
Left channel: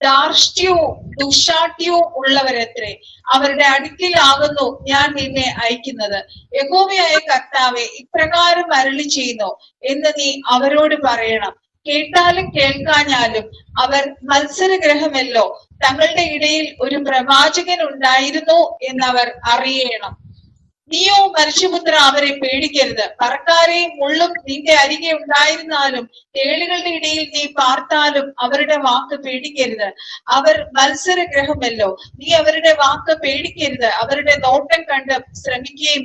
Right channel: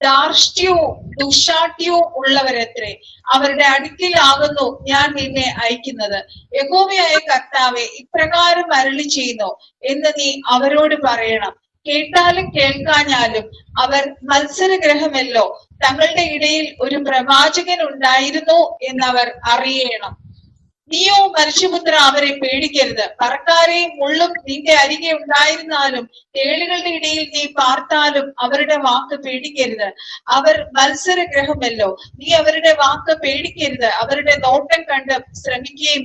ധാർഷ്ട്യവും ദുശാഠ്യവും ഉള്ളവരത്രേ. അവരുടെ അടുക്കലാകുന്നു ഞാൻ നിന്നെ അയക്കുന്നത്. യഹോവയായ കർത്താവേ, ഇപ്രകാരം അരുളി ചെയ്യുന്നു എന്ന് നീ അവരോട് പറയണം. കേട്ടാലും കേൾക്കാഞ്ഞാലും അവർ മത്സരഗ്രഹമല്ലോ. തങ്ങളുടെ ഇടയിൽ ഒരു പ്രവാചകൻ ഉണ്ടായിരുന്നു എന്നവർ അറിയണം. നീയോ മനുഷ്യപുത്ര, അവരെ പേടിക്കരുത്. പറക്കാരെയും മുള്ളും നിന്റെ അരികെ ഉണ്ടായിരുന്നാലും തേളുകളുടെ ഇടയിൽ നീ പാർത്താലും അവരുടെ വാക്ക് പേടിക്കരുത്. അവർ മത്സരഗ്രഹമല്ലോ. നീ അവരുടെ വാക്ക് പേടിക്കരുത്. അവരുടെ നോട്ടം കണ്ട് ഭ്രമിക്കുകയും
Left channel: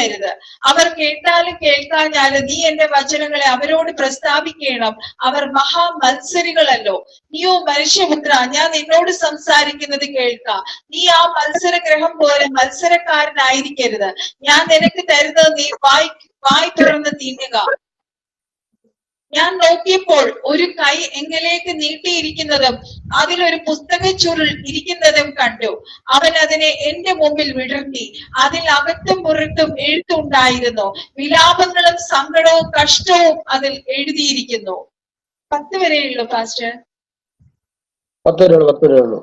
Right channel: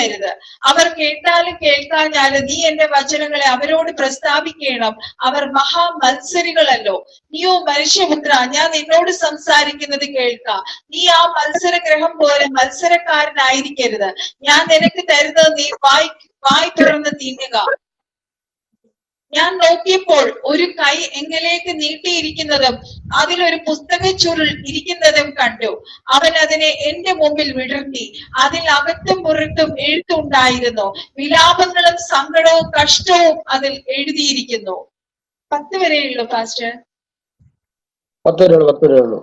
വരുത്. അവർ കേട്ടാലും കേൾക്കാഞ്ഞാലും നീ എന്റെ വചനങ്ങളെ അവരോട് പ്രസ്താവിക്കണം. അവർ മഹാമത്സരികളല്ലോ. നീയോ മനുഷ്യപുത്ര, ഞാൻ നിന്നോട് സംസാരിക്കുന്നത് കേൾക്ക. നീ ആ മത്സരഗ്രഹം പോലെ മത്സരക്കാരനായിരിക്കരുത്. ഞാൻ നിനക്ക് തരുന്നത് നീ വായ് തുറന്ന് തിന്നുക. ഞാൻ നോക്കിയപ്പോൾ ഒരു കൈ എങ്കിലേക്ക് നീട്ടിയിരിക്കുന്നതും അതിലൊരു പുസ്തക ചുരുൾ ഇരിക്കുന്നതും കണ്ടു. അവൻ അതിനെ എന്റെ മുമ്പിൽ വിടർത്തി. അതിൽ അകത്തും പുറത്തും എഴുത്തുണ്ടായിരുന്നു. വിലാപങ്ങളും സങ്കടവും കഷ്ടവും അതിൽ എഴുതിയിരിക്കുന്നു. 10 വരെയുള്ളൂ പാസ്റ്റർ. 10 വരെയുള്ളൂ.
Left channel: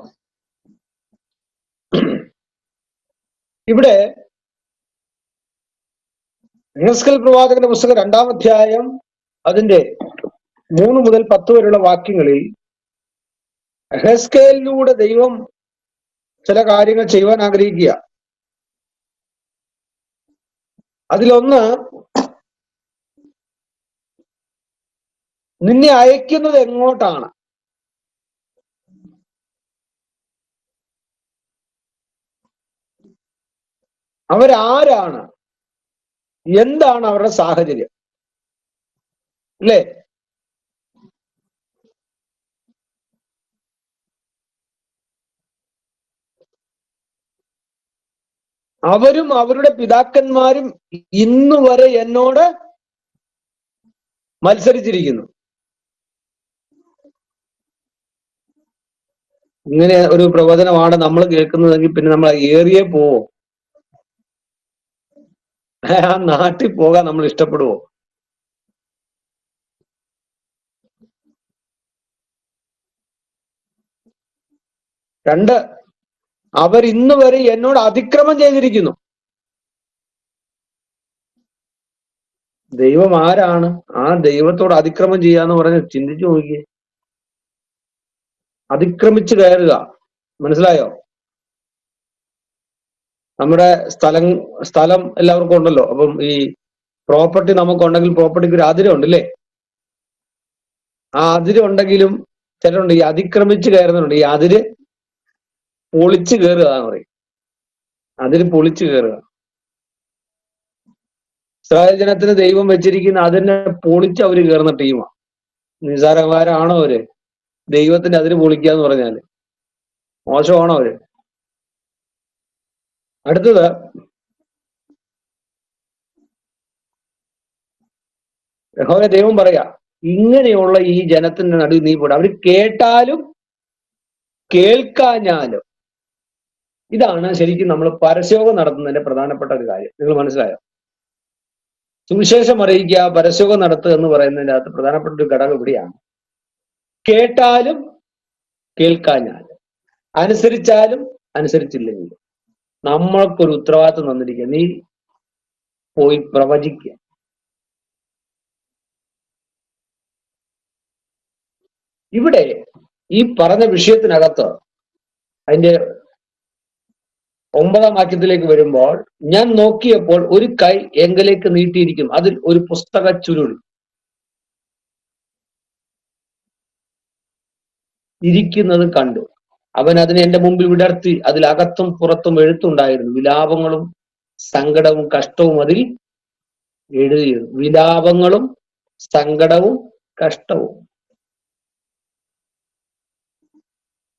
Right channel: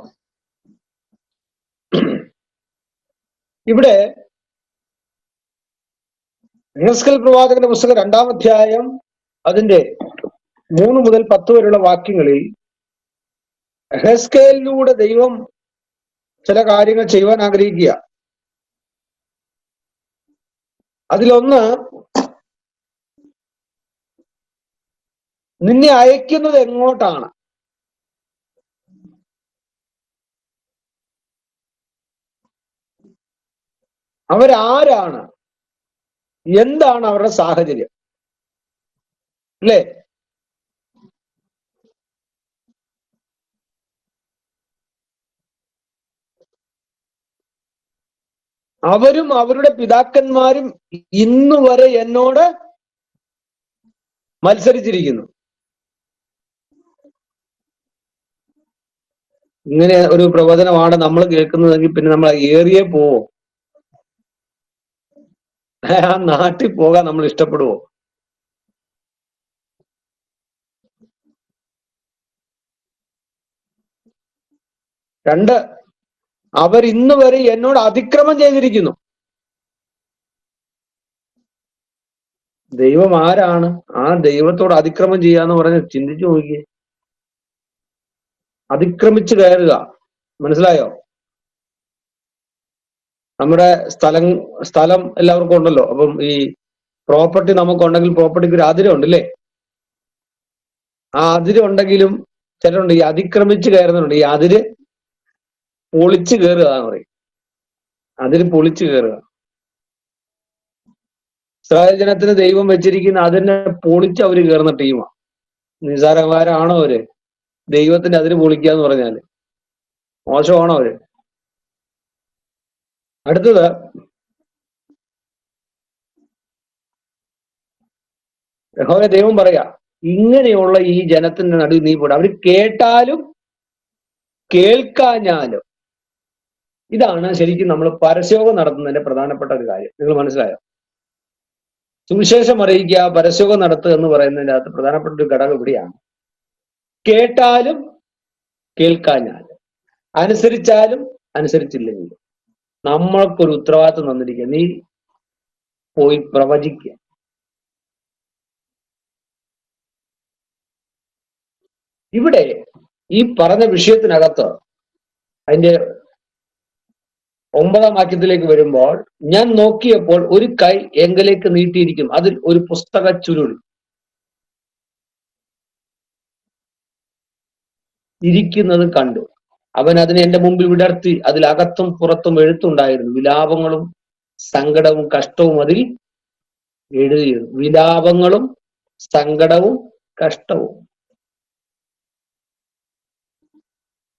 ഇവിടെ യെഹെസ്കേൽ പ്രവാചകന്റെ പുസ്തകം 2-ാം അധ്യായം അതിന്റെ 3 മുതൽ 10 വരെയുള്ള വാക്യങ്ങളിൽ യെഹെസ്കേലിലൂടെ ദൈവം ചില കാര്യങ്ങൾ ചെയ്യുവാൻ ആഗ്രഹിക്കുക. അതിലൊന്ന്, നിന്നെ അയക്കുന്നത് എങ്ങോട്ടാണ്? അവരാരാണ്? എന്താണ് അവരുടെ സാഹചര്യം? അല്ലേ? അവരും അവരുടെ പിതാക്കന്മാരും ഇന്നു വരെ എന്നോട് മത്സരിച്ചിരിക്കുന്നു. ഇങ്ങനെ ഒരു പ്രവചനമാണ് നമ്മൾ കേൾക്കുന്നതെങ്കിൽ പിന്നെ നമ്മൾ ഏറിയേ പോവോ? ആ നാട്ടിൽ പോകാൻ നമ്മൾ ഇഷ്ടപ്പെടുവോ? രണ്ട്, അവർ ഇന്ന് വരെ എന്നോട് അതിക്രമം ചെയ്തിരിക്കുന്നു. ദൈവം ആരാണ്? ആ ദൈവത്തോട് അതിക്രമം ചെയ്യാന്ന് പറഞ്ഞ് ചിന്തിച്ചു നോക്കിയേ. അതിക്രമിച്ച് കയറുക. മനസ്സിലായോ? നമ്മുടെ സ്ഥലം എല്ലാവർക്കും ഉണ്ടല്ലോ. അപ്പം ഈ പ്രോപ്പർട്ടി നമുക്കുണ്ടെങ്കിൽ പ്രോപ്പർട്ടിക്ക് ഒരു അതിരുണ്ട്, അല്ലേ? ആ അതിരുണ്ടെങ്കിലും ചിലരുണ്ട് ഈ അതിക്രമിച്ച് കയറുന്നുണ്ട്. ഈ അതിര് പൊളിച്ചു കയറുക എന്ന് പറയും. അതിര് പൊളിച്ചു കയറുക. ഇസ്രായേൽ ജനത്തിന് ദൈവം വെച്ചിരിക്കുന്ന അതിനെ പൊളിച്ച് അവര് കയറുന്ന ടീമാണ്. നിസ്സാരന്മാരാണോ അവര്? ദൈവത്തിന്റെ അതിര് പൊളിക്കുക എന്ന് പറഞ്ഞാല് മോശമാണോ അവര്? അടുത്തത് യഹോവ ദൈവം പറയാ, ഇങ്ങനെയുള്ള ഈ ജനത്തിന്റെ നടുവിൽ നീ പോടാ. അവര് കേട്ടാലും കേൾക്കാഞ്ഞാലും. ഇതാണ് ശരിക്കും നമ്മൾ പരസ്യോഗം നടത്തുന്നതിന്റെ പ്രധാനപ്പെട്ട ഒരു കാര്യം. നിങ്ങൾ മനസ്സിലായോ? സുവിശേഷം അറിയിക്കുക, പരസ്യോഗം നടത്തുക എന്ന് പറയുന്നതിന്റെ അകത്ത് പ്രധാനപ്പെട്ട ഒരു ഘടകം ഇവിടെയാണ്. കേട്ടാലും കേൾക്കാഞ്ഞാലും, അനുസരിച്ചാലും അനുസരിച്ചില്ലെങ്കിലും നമ്മൾക്കൊരു ഉത്തരവാദിത്വം തന്നിരിക്കുക. നീ പോയി പ്രവചിക്കുക. ഇവിടെ ഈ പറഞ്ഞ വിഷയത്തിനകത്ത് അതിന്റെ 9-ാം വാക്യത്തിലേക്ക് വരുമ്പോൾ, ഞാൻ നോക്കിയപ്പോൾ ഒരു കൈ എങ്കലേക്ക് നീട്ടിയിരിക്കും, അതിൽ ഒരു പുസ്തക ചുരുൾ ഇരിക്കുന്നത് കണ്ടു. അവൻ അതിനെ എന്റെ മുമ്പിൽ വിടർത്തി. അതിൽ അകത്തും പുറത്തും എഴുത്തുണ്ടായിരുന്നു. വിലാപങ്ങളും സങ്കടവും കഷ്ടവും അതിൽ എഴുതിയിരുന്നു. വിലാപങ്ങളും സങ്കടവും കഷ്ടവും.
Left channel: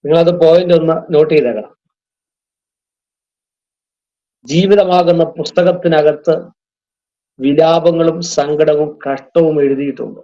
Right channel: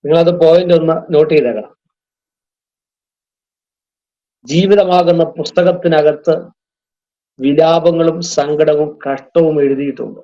നിങ്ങളത് പോയിന്റ് ഒന്ന് നോട്ട് ചെയ്തേക്കണം. ജീവിതമാകുന്ന പുസ്തകത്തിനകത്ത് വിലാപങ്ങളും സങ്കടവും കഷ്ടവും എഴുതിയിട്ടുണ്ട്.